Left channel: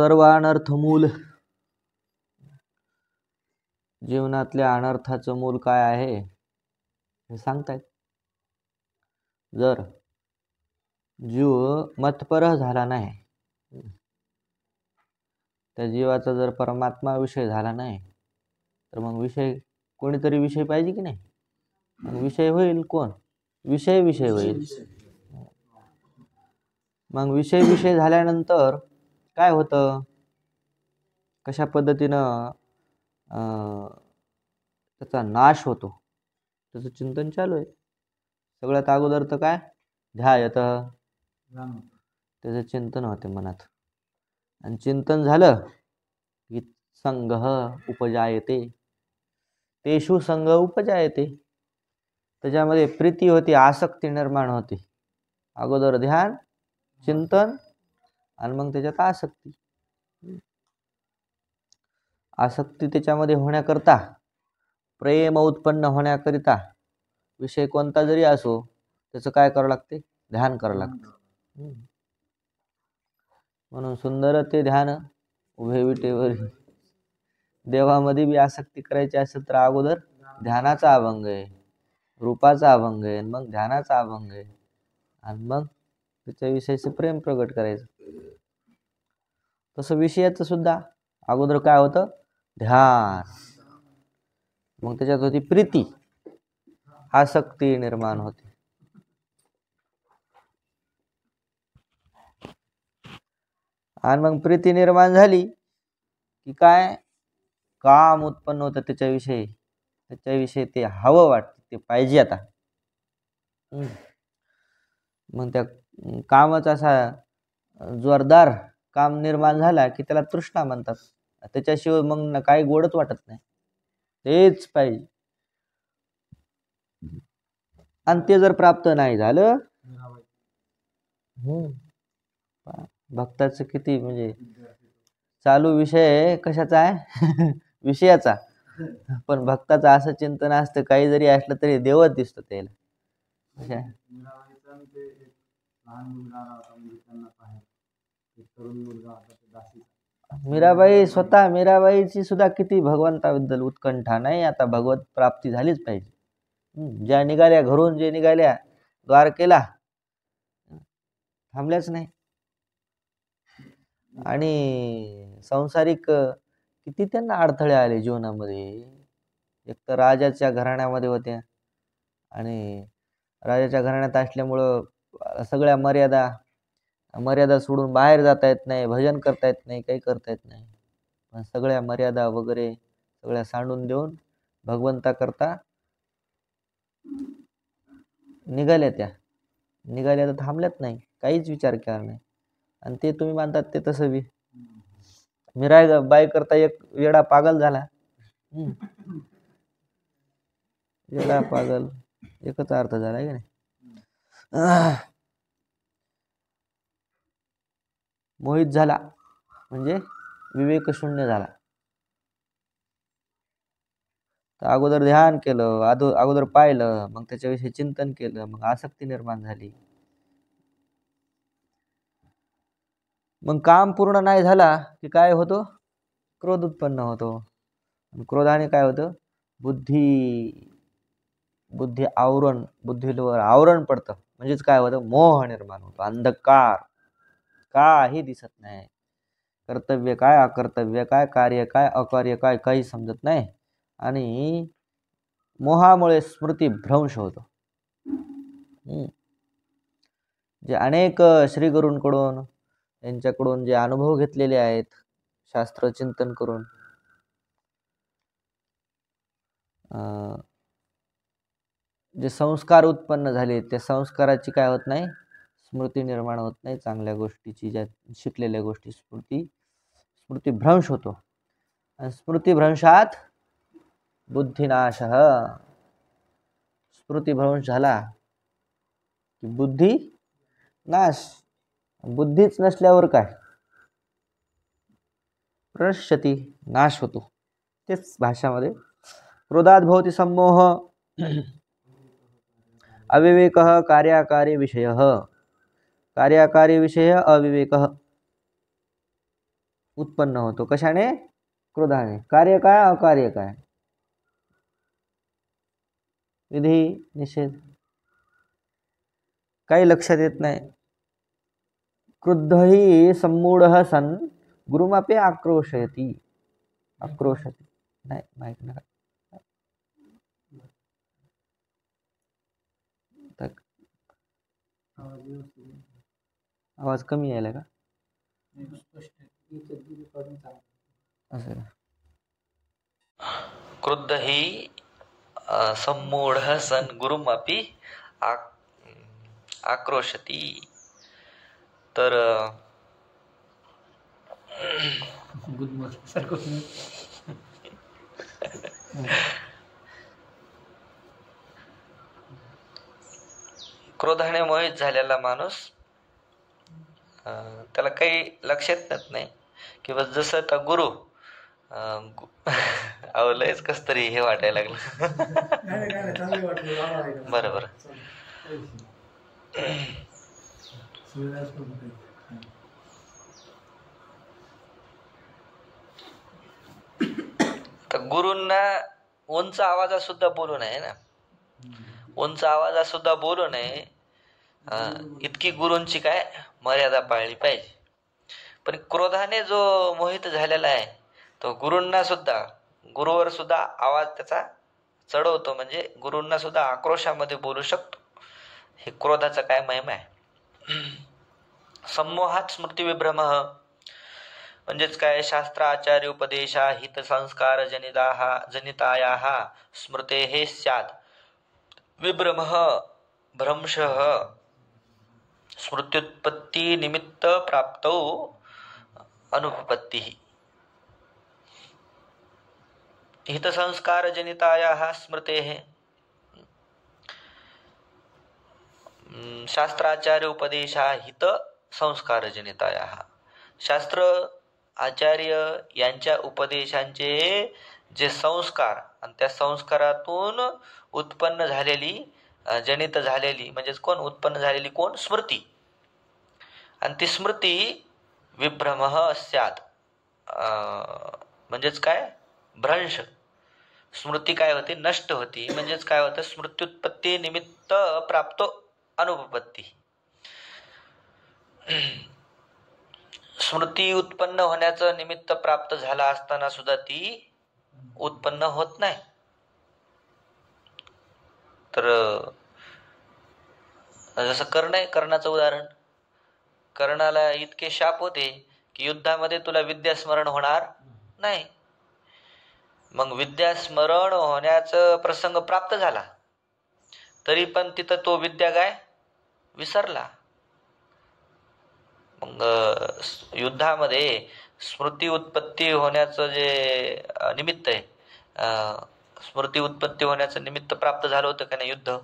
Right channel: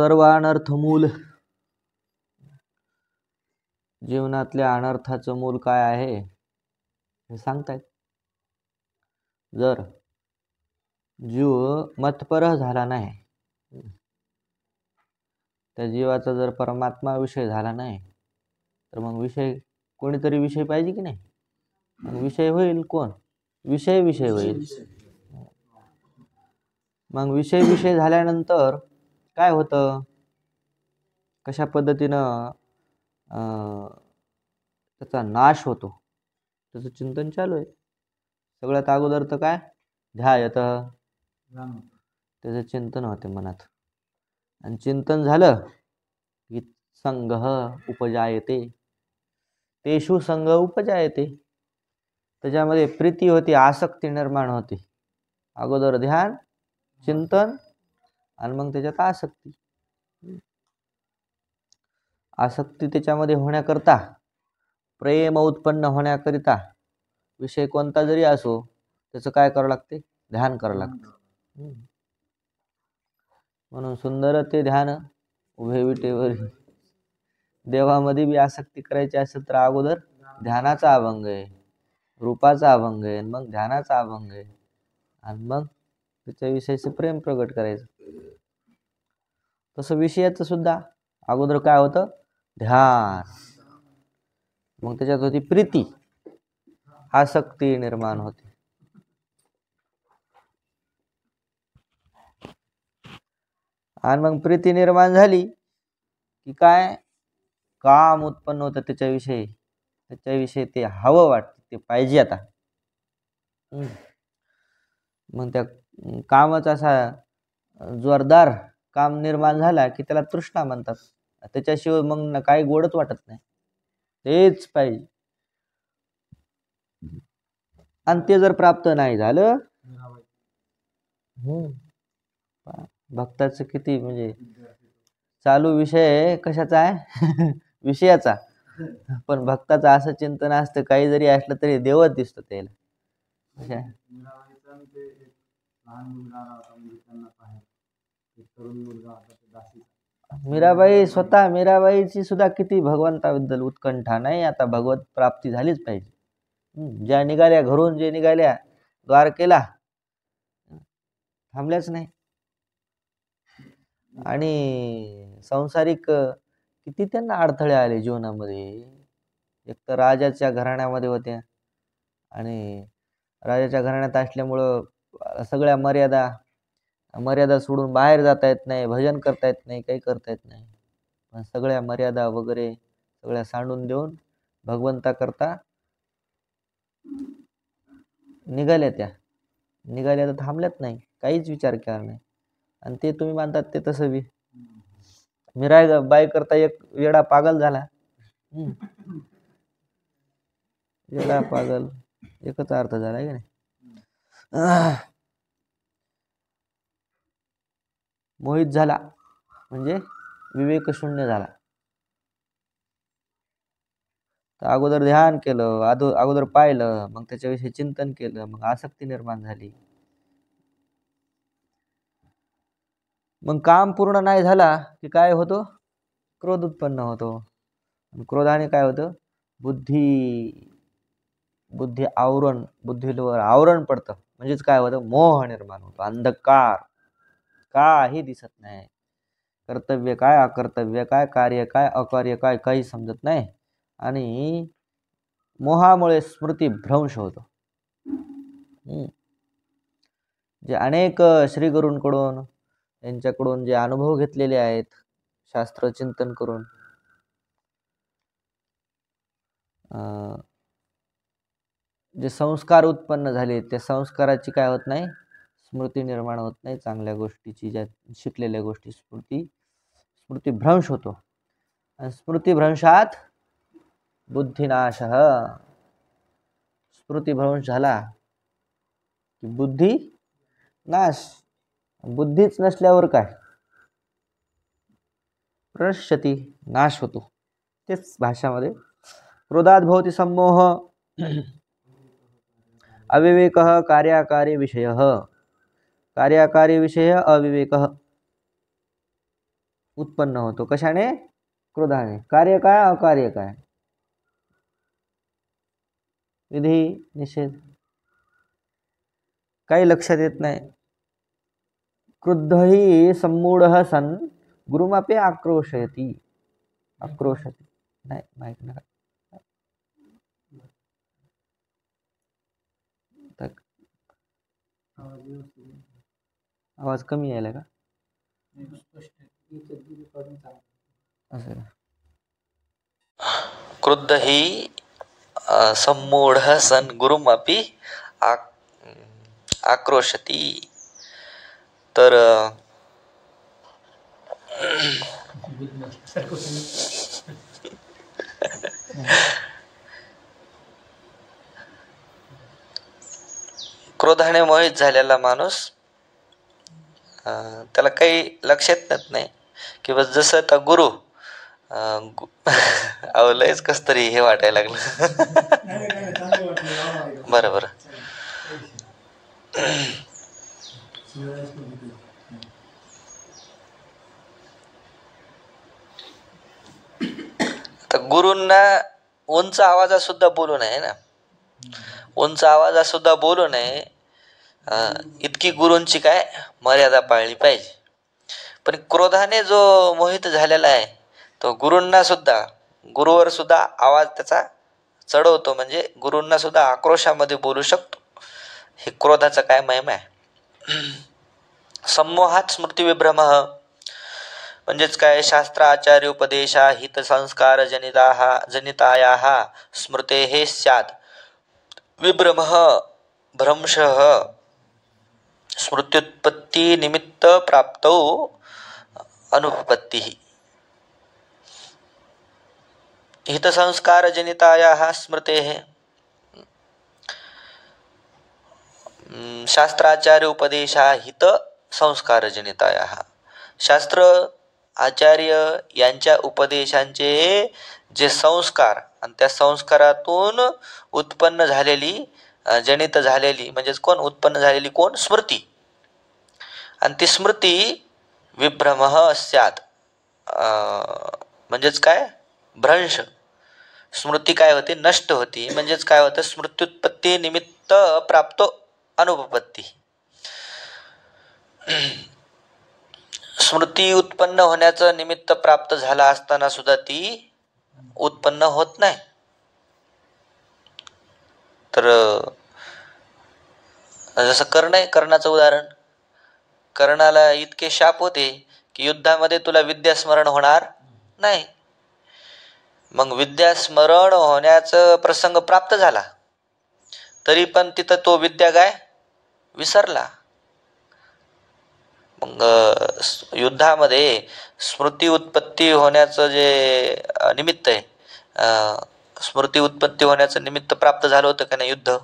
सर्व अनर्थ मूल. जीवनातल्या अनर्थाचं मूल काय आहे हे सांगतायत. जर जीव मतपर झाला नाही, त्या जीवाचा जर परमात्मा विषय झाला नाही, तर मग विषय कोणीतरी विषय पाहिजे की नाही. मग विषय होईल कोण? विषय होईल. मग विषय झाल्यानंतर काय होतं, कशा पद्धतीनं त्याचा नाश होतो, त्याचं चिंतन चालू आहे. सगळ्यात अगोदर तर काय ध्यायत, त्याचं चिंतन होते मनात. आणि चिंतन झालं की संघ उपजायते, तेषु संघ उपजायते. त्याच्यामध्ये प्रीती होती, आसक्ती निर्माण होते. अगोदर ध्यान, चिंतन आणि मग त्याच्यात आसक्ती. आसक्ती त्याच्यामध्ये होण्याकरता, प्रेम उत्पन्न होण्याकरिता विषय कोणता जरी असो त्याचं काय करावं लागते? ध्यान करावं लागतं. म्हणून सुंदर ते ध्यान उभे विटेवर. देवामध्ये बी आसक्ती करायची असेल तर अगोदर ध्यानाचा अभंग आहे, रूपाचा अभंग आहे, मग ध्यानाचा अभंग आहे, आणि मग त्याच्याविषयीचं प्रेम प्रगट करायचं. तसं विषयाचं सुद्धा अगोदर काय होतं? ध्यान. मग त्याच्यात होती प्रीती, आसक्ती निर्माण होते. आणि मग प्रीती निर्माण झाली की काय? काम उत्पन्न होतं त्याच्याविषयी ते हवं वाटतं, ते पाहिजे आता. मग त्या कामाचा असा जोरदार काम निर्माण झाला की त्याला तृष्णा म्हणतात. त्याच्याशिवाय मग काही गोडच वाटत नाही, तेच पाहिजे. आणि ते जर प्राप्त नाही झालं, भक्ताचं किती म्हणजे चालू विषय कशाचा आहे? विषयाचा. पण भक्ताचं असं चिंतन असतं, काही जरी असलं तरी देवच दिसतो त्याला. मीराबाईची सुद्धा किती भगवंताबद्दल उत्कंठा. नाही आता भगवत प्राप्ती झालीच पाहिजे. ज्या निघाल्या घरून, जे निघाल्या द्वारकेला, थांबल्याच नाही. आणि सांसारिक किती त्यांना अडथळे आले जीवनामध्ये. एक तर राजाच्या घराण्यामध्ये होत्या, आणि राजाच्या घराण्यात असल्यामुळं सगळ्या मर्यादा सोडून बाहेर जाता येत नाही, भजन करता येत नाही, काही करता येत नाही. पण सगळ्या मर्यादा वगैरे सगळ्या सांडून देऊन भगवंता करता निघाल्या तर थांबल्यात नाही, काहीच विचार केला नाही. आणि ते तुम्ही मानतात ते तसं बी मीराबाई करता एक वेडा पागल झाला. वेडा पागल एकच अर्थ झाला की नाही. मोहित झाला म्हणजे विवेक शून्य झाला. तर अगोदर ध्यान केलं, अगोदर पाहिलं, मग त्याच्याविषयी चिंतन केलं, मग आसक्ती निर्माण झाली. मग काम पूर्ण नाही झाला की काय होतो? क्रोध उत्पन्न होतो. क्रोधाने काय होतं? बुद्धीवर आवरण पडतं. म्हणजेच काय होतं? मोह निर्माण होतो, अंधकार. काही दिसत नाही, कर्तव्य काय, अकर्तव्य काय, कार्य काय, अकार्य काय, काही समजत नाही. आणि मोहामुळे स्मृतीभ्रंश होतो. जे अनेक श्रीगुरूंकडून, यांच्याकडून जे अनुभव घेतलेले आहेत शास्त्र चिंतन करून, जे संस्कार उत्पन्न झाले, त्या संस्काराची काय होत नाही? स्मृती निर्माण होत नाही. चांगल्या गोष्टीची, ज्या शिकलेल्या गोष्टी स्मृतीभ्रंश होतो. आणि स्मृतीभ्रंशात बुद्धिनाश. स्मृतीभ्रंश झाला की बुद्धी नाश. बुद्धीच नसल्यावर काय? प्रनश्यती, नाश होतो. तेच भाषामध्ये क्रोधात भवति सम्मोह, अविवेक कार्याकारी विषय, कार्याकारी विषय अविवेक, उत्पन्न होतो. कशाने? क्रोधाने. कार्य काय? अकार्य काय? विधी निषेध काही लक्षात येत नाही. क्रुद्धही सम्मूढः सन् गुरुमपि आक्रोशयति. आक्रोशति नाही माहित नाही. आवाज कमी यायला का? असं क्रुद्धही सम्मूढः सन् गुरुमपि आक्रोशति. तर क्रोधाने मोहित झालेला माणूस त्याला काही लक्षात येत नाही किंवा जसं आता गुरु लयच कस तरी हे वाटायला लागलं. बरोबर. तर गुरूंना उंच आवाजात सुद्धा बोलू नये ना. उंच आवाजात सुद्धा बोलू नये इतकी गुरूंची काय मर्यादा पाळली पाहिजे. पण क्रोधाने जो मोहित झालेला आहे तो गुरूंना सुद्धा गुरुवर सुद्धा आवाज त्याचा चढवतो. म्हणजे गुरूंना सुद्धा आक्रोशामध्ये बोलू शकतो. हे क्रोधाचा काय महिमा आहे. सम्मोहात स्मृती विभ्रम म्हणजेच काय? शास्त्र आचार्य उपदेशा हित संस्कार जनितायाः स्मृतेः स्यात् विभ्रमः भ्रंशः स्मृत्युत्पत्ति निमित्त प्राप्तौ अनुपपत्तिः. हित संस्कार जनितायाः स्मृतेः शास्त्राचार्य उपदेशा हित संस्कार जनितायाः. शास्त्र आचार्य यांच्या उपदेशांचे जे संस्कार आणि त्या संस्कारातून उत्पन्न झालेली जनित झालेली म्हणजेच कोण? उत्पन्न झालेली कोण? स्मृती. आणि ती स्मृती विभ्रमः स्यात् म्हणजेच काय? भ्रंश. स्मृती काय होते? नष्ट होती. म्हणजेच काय होतं? स्मृत्युत्पत्ती निमित्त प्राप्तो अनुपपत्ती. स्मृती उत्पन्न होण्याचं निमित्त प्राप्त झाला असताना सुद्धा ती उत्पन्न होत नाही. तर जसं कर्णाचं उदाहरण. कर्णाला इतके शाप होते की युद्धामध्ये तुला विद्यास्मरण होणार नाही. मग विद्यास्मरण होण्याचा प्रसंग प्राप्त झाला तरी पण तिथं तो विद्या काय? विसरला. मग युद्धामध्ये स्मृती उत्पत्ती होण्याचं जे निमित्त आहे स्मृती उत्पत्ती होण्याचं निमित्त प्राप्त झालं होतं का नाही युद्ध.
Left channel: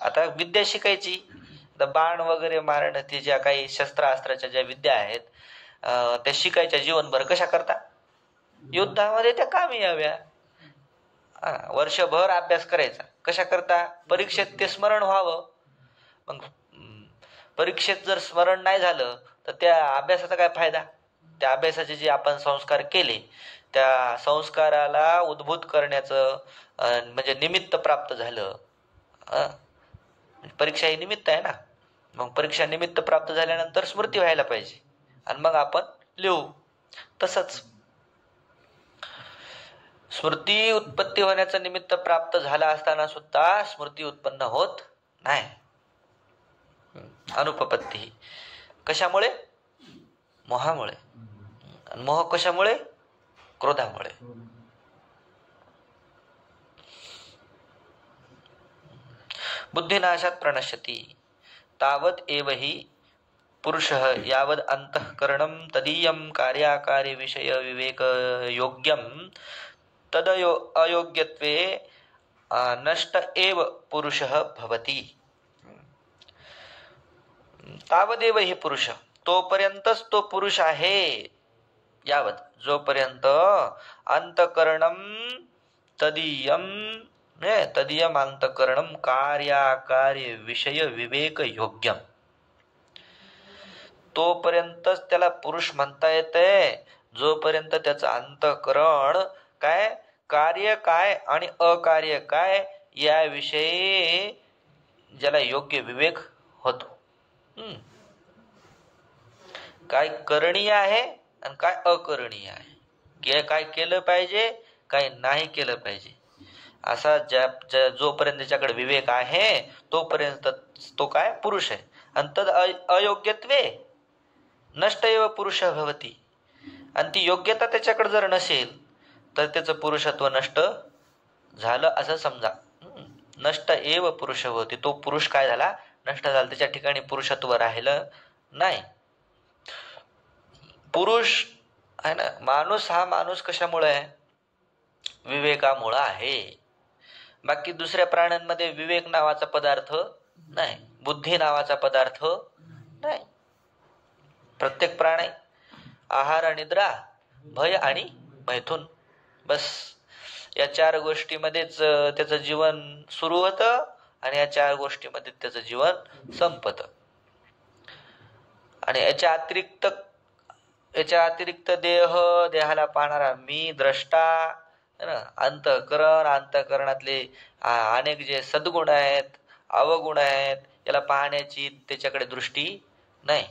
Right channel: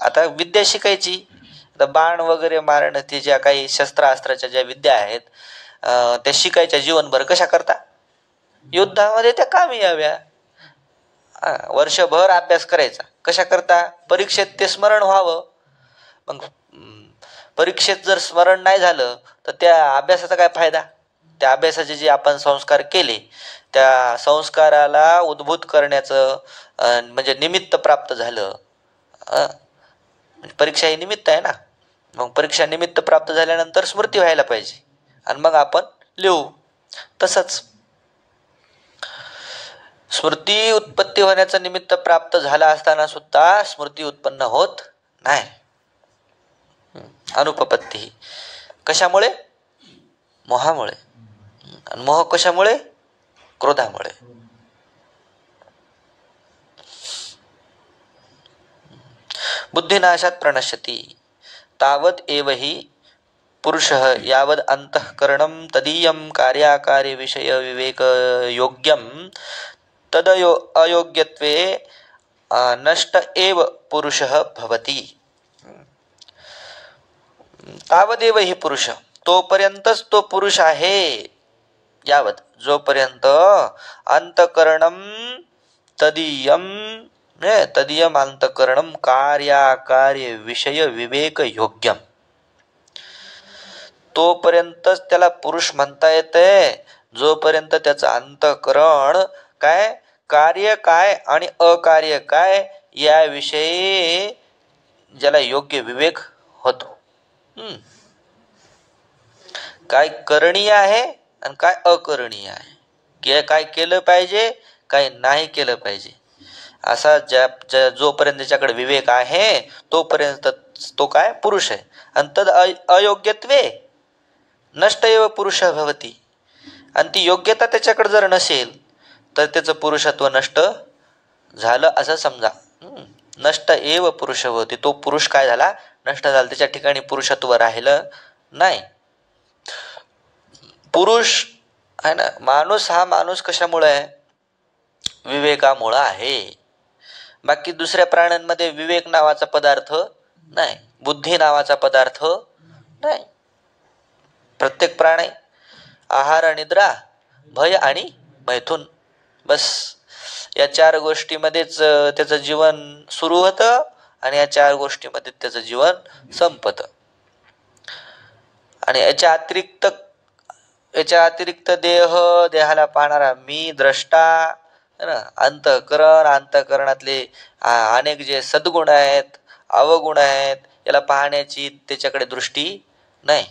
आता विद्या शिकायची. बाण वगैरे मारणं ते ज्या काही शस्त्रास्त्राच्या ज्या विद्या आहेत त्या शिकायच्या जीवनभर. कशा करता? युद्धामध्ये त्या कामी याव्या. वर्षभर अभ्यास करायचा. कशा करता? परीक्षेत ते स्मरण व्हावं. मग परीक्षेत जर स्मरण नाही झालं तर त्या अभ्यासाचा काय फायदा? त्या अभ्यासाचे जे आपण संस्कार केले त्या संस्काराला उद्भूत करण्याचं म्हणजे निमित्त प्राप्त झालं. परीक्षा ही निमित्त आहे ना. मग परीक्षा निमित्त प्राप्त झाल्यानंतर स्मृती व्हायला पाहिजे आणि मग आपण लिहू. तसंच स्मृती उत्पत्ती होण्याचं निमित्त प्राप्त झाला असताना सुद्धा स्मृती उत्पन्न होत नाही. अनुपपत्ती. कशामुळे? मोहामुळे. आणि मोह कशामुळे? क्रोधामुळे. बुद्धिनाशात प्रणश्यति तावत एव हि पुरुषः यावद अंतःकरणं तदीयं कार्याकार्य विषय विवेक योग्यं तदयो अयोग्यत्वे नष्ट एव पुरुषः भवति. तावदेव ही पुरुष तोपर्यंतच तो पुरुष आहे. यावत जोपर्यंत अंतःकरणं तदीयं तदीयम अंतःकरणं कार्याकार्य विषय विवेक योग्यम तोपर्यंतच त्याला पुरुष म्हणता येते. जोपर्यंत त्याचं अंतःकरण काय, कार्य काय आणि अकार्य काय याविषयी ज्याला योग्य विवेक होतो. काय करणीय आहे आणि काय अकरणीय आहे, काय केलं पाहिजे काय नाही केलं पाहिजे, असा जोपर्यंत त्याच्याकडे विवेक आहे तोपर्यंत तो काय पुरुष आहे. आणि तद अयोग्यत्वे नष्ट एव पुरुष भवती. आणि ती योग्यता त्याच्याकडे जर नसेल तर त्याचं पुरुषत्व नष्ट झालं असं समजा. नष्ट एव पुरुष भवती, तो पुरुष काय झाला, नष्ट झाला, त्याच्या ठिकाणी पुरुषत्व राहिलं नाही. पुरुष आहे ना, माणूस हा माणूस कशामुळे आहे, विवेकामुळे आहे. बाकी दुसऱ्या प्राण्यांमध्ये विवेक नावाचा पदार्थ नाही, बुद्धी नावाचा पदार्थ नाही. प्रत्येक प्राणी आहार, निद्रा, भय आणि मैथुन, बस या 4 गोष्टीमध्येच त्याचं जीवन सुरू होतं आणि या 4 गोष्टीमध्ये त्याचं जीवन संपत. आणि याच्या अतिरिक्त देहाला पाहणारा मी, द्रष्टा, अंतःकरण, अंतःकरणातले अनेक जे सद्गुण आहेत, अवगुण आहेत, याला पाहण्याची त्याच्याकडे दृष्टी नाही.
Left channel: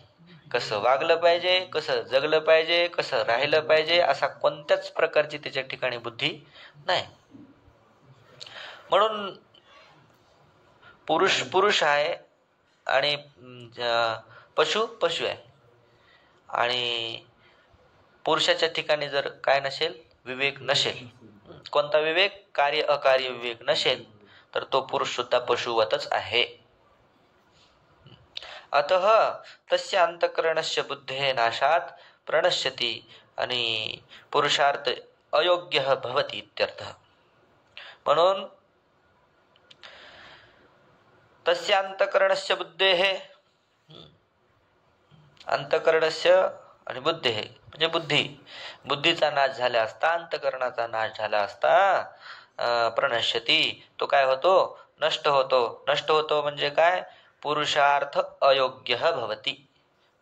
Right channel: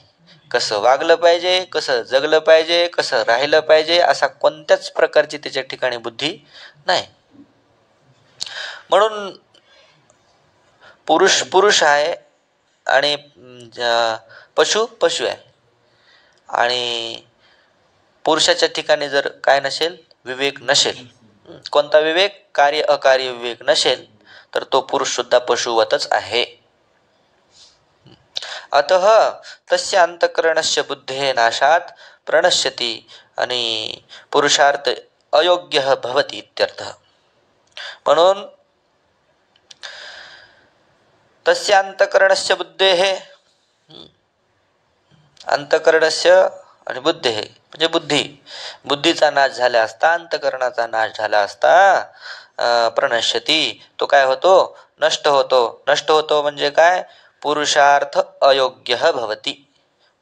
कसं वागलं पाहिजे, कसं जगलं पाहिजे, कसं राहिलं पाहिजे, असा कोणत्याच प्रकारची त्याच्या ठिकाणी बुद्धी नाही. म्हणून पुरुष आहे आणि पशु आहे. आणि पुरुषाच्या ठिकाणी जर काय नसेल, विवेक नसेल, कोणता विवेक, कार्य अकार्य विवेक नसेल, तर तो पुरुष सुद्धा पशुवतच आहे. अतः तस्य अंतःकरणस्य बुद्धेः नाशात प्रणश्यति आणि पुरुषार्थ अयोग्य भवति इत्यर्थ. म्हणून तस्य अंतःकरणस्य बुद्धेः, अंतःकरणस्य आणि बुद्धेः म्हणजे बुद्धीचा नाश झाला असता, अंतःकरणाचा नाश झाला असता प्रणश्यति, तो काय होतो, नष्ट होतो म्हणजे काय, पुरुषार्थ अयोग्य भवती,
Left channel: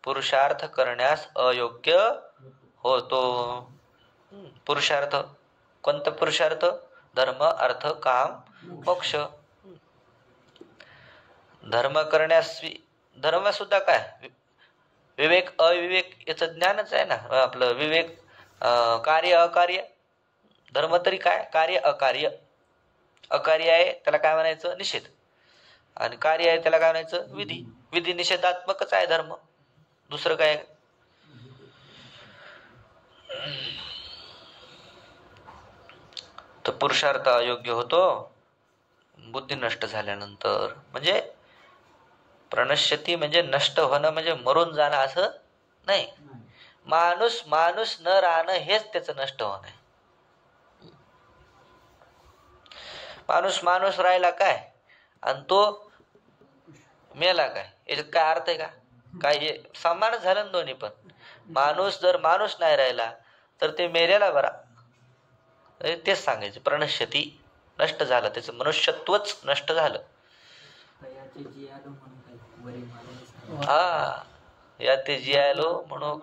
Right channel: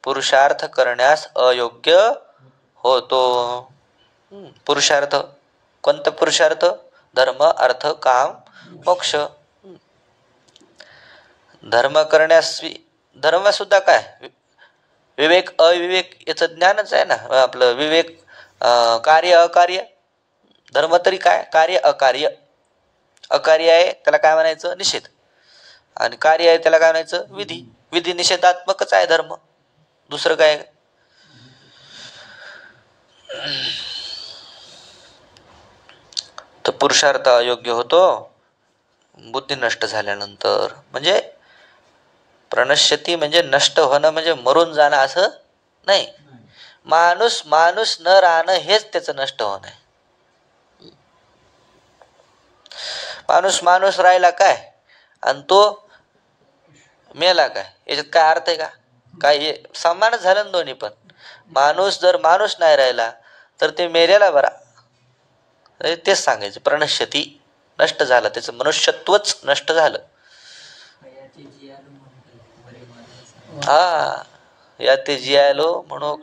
पुरुषार्थ करण्यास अयोग्य होतो. पुरुषार्थ, कोणता पुरुषार्थ, धर्म अर्थ काम मोक्ष. धर्म करण्यास, धर्म सुद्धा काय, विवेक अविवेक याचं ज्ञानच आहे ना आपलं. विवेक कार्य अकार्य, धर्म तरी काय, कार्य अकार्य. अकार्य आहे त्याला काय म्हणायचं, निषेध, आणि कार्य आहे त्याला काय म्हणायचं, विधी निषेधात्मकच आहे धर्म, दुसरं काय. तर पुरुषार्थ अयोग्य होतो बुद्धी नष्ट झाल्यानंतर. म्हणजे प्रणश्यती म्हणजे नष्ट होणं, म्हणजे मरून जाणं असं नाही. माणूस न राहणं हेच त्याचं नष्ट होणं आहे. माणूस राहिला काय आणि तो मेला काय, याच्यात काय अर्थ आहे का, काय समानच झालं ना दोन्ही पण. जर माणूस नाही राहिला तर ते मेलेला बरा, तेच सांगायचं. प्रणश्यती नष्ट झालं, त्याचं मनुष्यत्वच नष्ट झालं. हा या ते जियालो म्हणू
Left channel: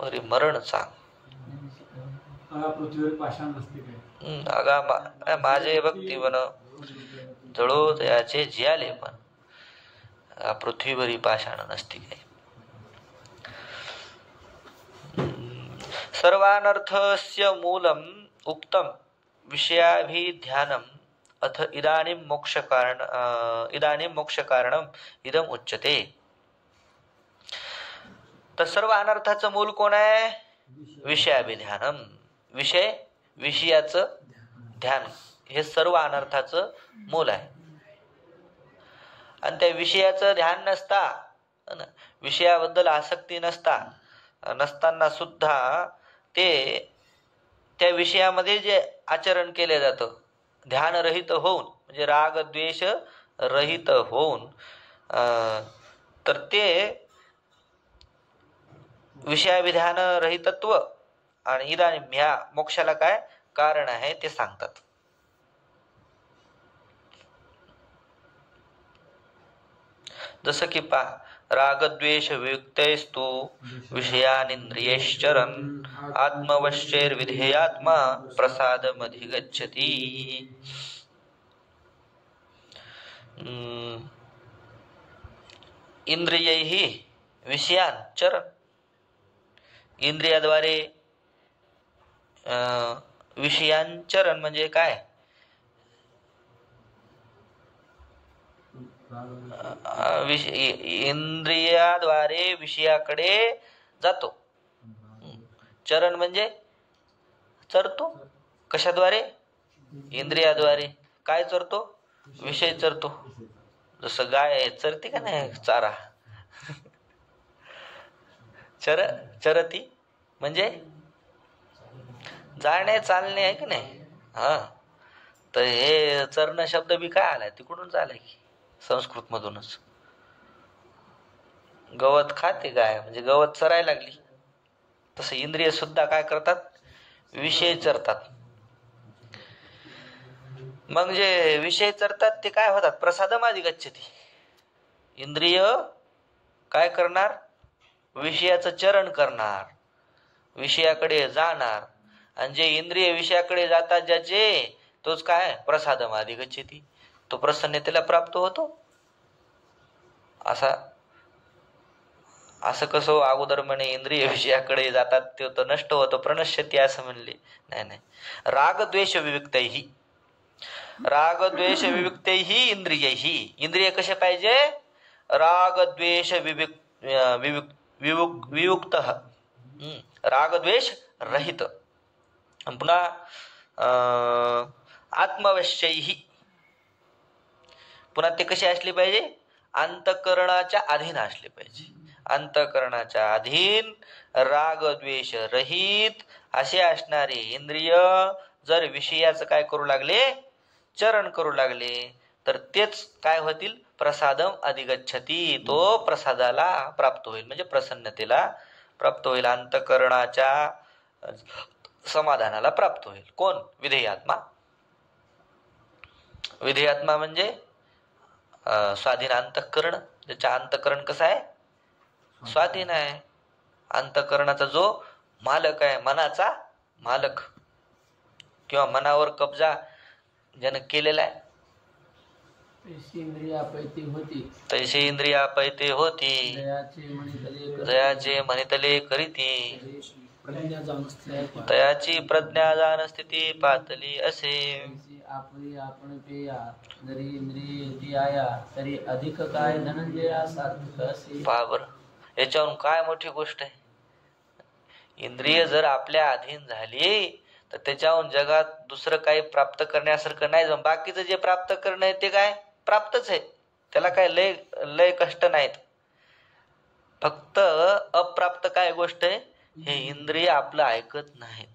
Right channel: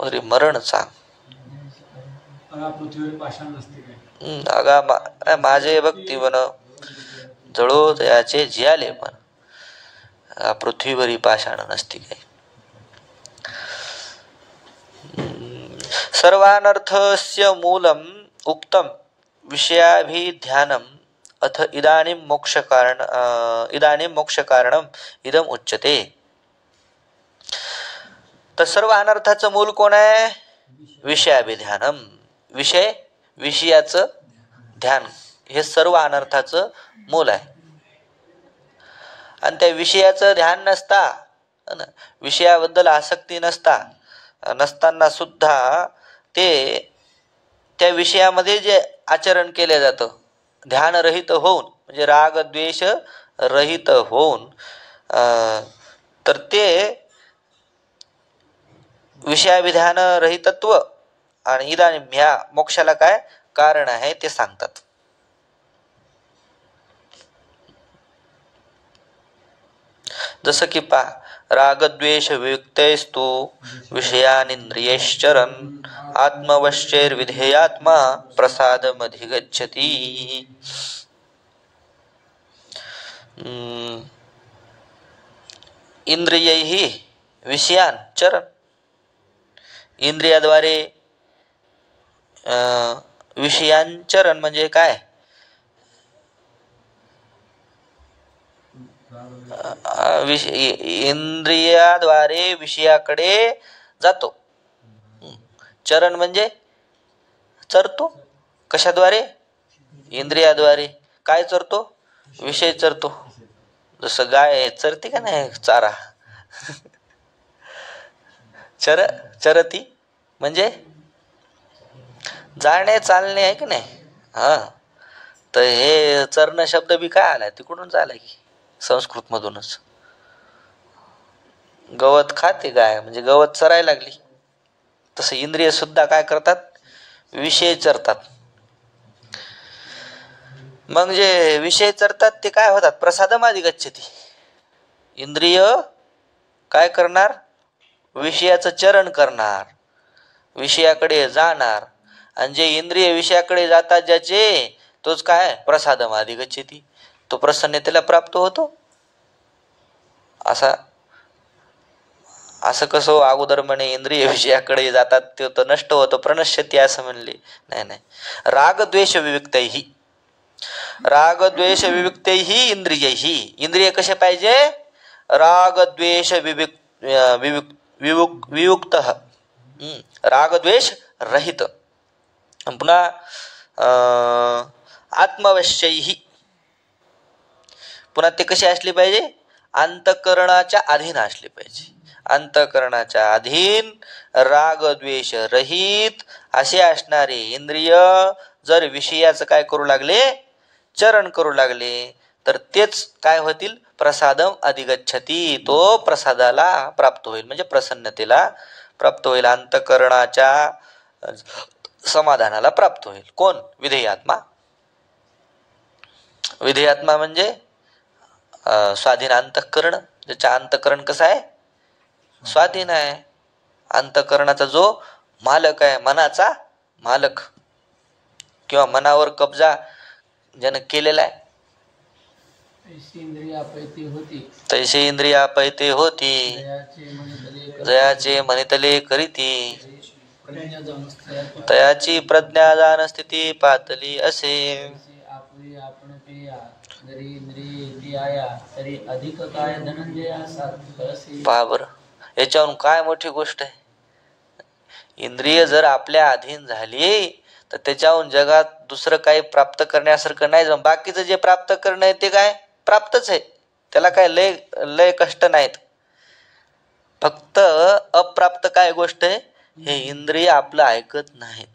अरे मरण सांग माझे भक्ती वन जळो याचे जियाले, पण पृथ्वीवरी पाषाण नसती काय. सर्वानर्थस्य मूलम उक्तम विषयाभिध्यानम अथ इदानीं मोक्ष कारणम इदम उच्यते. तर सर्व अनर्थाचं मूल कोण आहे, विषयाभिध्यानम, विषयाचं ध्यान हे सर्व अनर्थाचं मूल आहे. आणि त्या विषयाचं ध्यान नसता, विषयाबद्दल आसक्ती नसताना सुद्धा ते त्या विषयामध्ये जे आचरण केले जातं, ध्यानरहित होऊन, म्हणजे राग द्वेष रहित होऊन, तर ते विषयाभिधान रहितत्व आणि इदानीं ह्या मोक्षाला काय कारण आहे ते सांगतात. जसं की रागद्वेष वियुक्तैस्तु विषयानिंद्रियैश्चरन् आत्मवश्चैर्विधेयात्मा प्रसादमधिगच्छति. इंद्रियैः विषयान चरण, इंद्रियाद्वारे विषयांचरण म्हणजे काय? इंद्रियाद्वारे विषयाकडे जातो. चरण म्हणजे चरतो. कशाद्वारे? इंद्रियाद्वारे. काय चरतो? विषय चरतो. जसं गाय चरते का नाही चारा. चरती म्हणजे जाणे चालणे आहे की नाही. हा, तर हे चरण शब्द बी काय आलाय, तिकडूनच आलाय की संस्कृत मधूनच. गवत खाते गाय म्हणजे गवत चरायला लागली. तसं इंद्रिय सुद्धा काय करतात? विषय चरतात. मग जे विषय चरतात ते काय होतात? प्रसादमाधिगच्छति. इंद्रिय काय करणार? विषयाचं चरण करणार, विषयाकडे जाणार. आणि जे इंद्रिय विषयाकडे जातात ज्याचे, तोच काय? प्रसादमाधिगच्छति. तो प्रसन्नतेला प्राप्त होतो. असं कसं अगोदर म्हणे इंद्रिय विषयाकडे जातात ते तर नष्ट होतं, प्रणश्यती असं म्हणले. नाही, रागद्वेष विविक्तैहि. रागद्वेष विविक्तैहि इंद्रियैहि. इंद्रिय कसे पाहिजे? रागद्वेष वियुक्त, रागद्वेष रहित. पुन्हा आत्मवश्यैहि. पुन्हा ते कसे असले पाहिजे? अंतःकरणाच्या अधीन असले पाहिजे. अंतःकरणाच्या अधीन, रागद्वेष रहित असे असणारे इंद्रिय जर विषयाचं काय करू लागले? चरण करू लागले, तर तेच काय होतील? प्रसादम अधिगच्छति. तो प्रसादाला प्राप्त होईल, म्हणजे प्रसन्नतेला प्राप्त होईल, अंतःकरणाच्या समाधानाला प्राप्त होईल. कोण? विधेयात्मा. विधेयात्मा म्हणजे स्वाधीन अंतःकरण. ज्याच्या अंतःकरण कसं आहे? स्वाधीन आहे. अंतःकरणाचा जो मालक आहे, मनाचा मालक किंवा मनावर कब्जा ज्यानं केलेला आहे. तैसे इंद्रिया पैते होती, जयाचे मनितले करीती, तयाची प्रज्ञा जाण स्थिती पातली असे. पहा बरं, याच्यावरून काय मोठी गोष्ट आहे. इंद्रिय जर आपल्या अधीन झाली तर त्याच्याहून जगात दुसरं काही प्राप्त करण्यासारखं नाही. बाकीचं जे प्राप्त करणं आहे ते काय? प्राप्तच आहे. त्याला काय लय कष्ट नाहीत. फक्त अप्राप्त काय गोष्ट आहे? हे इंद्रिय आपलं ऐकत नाहीत.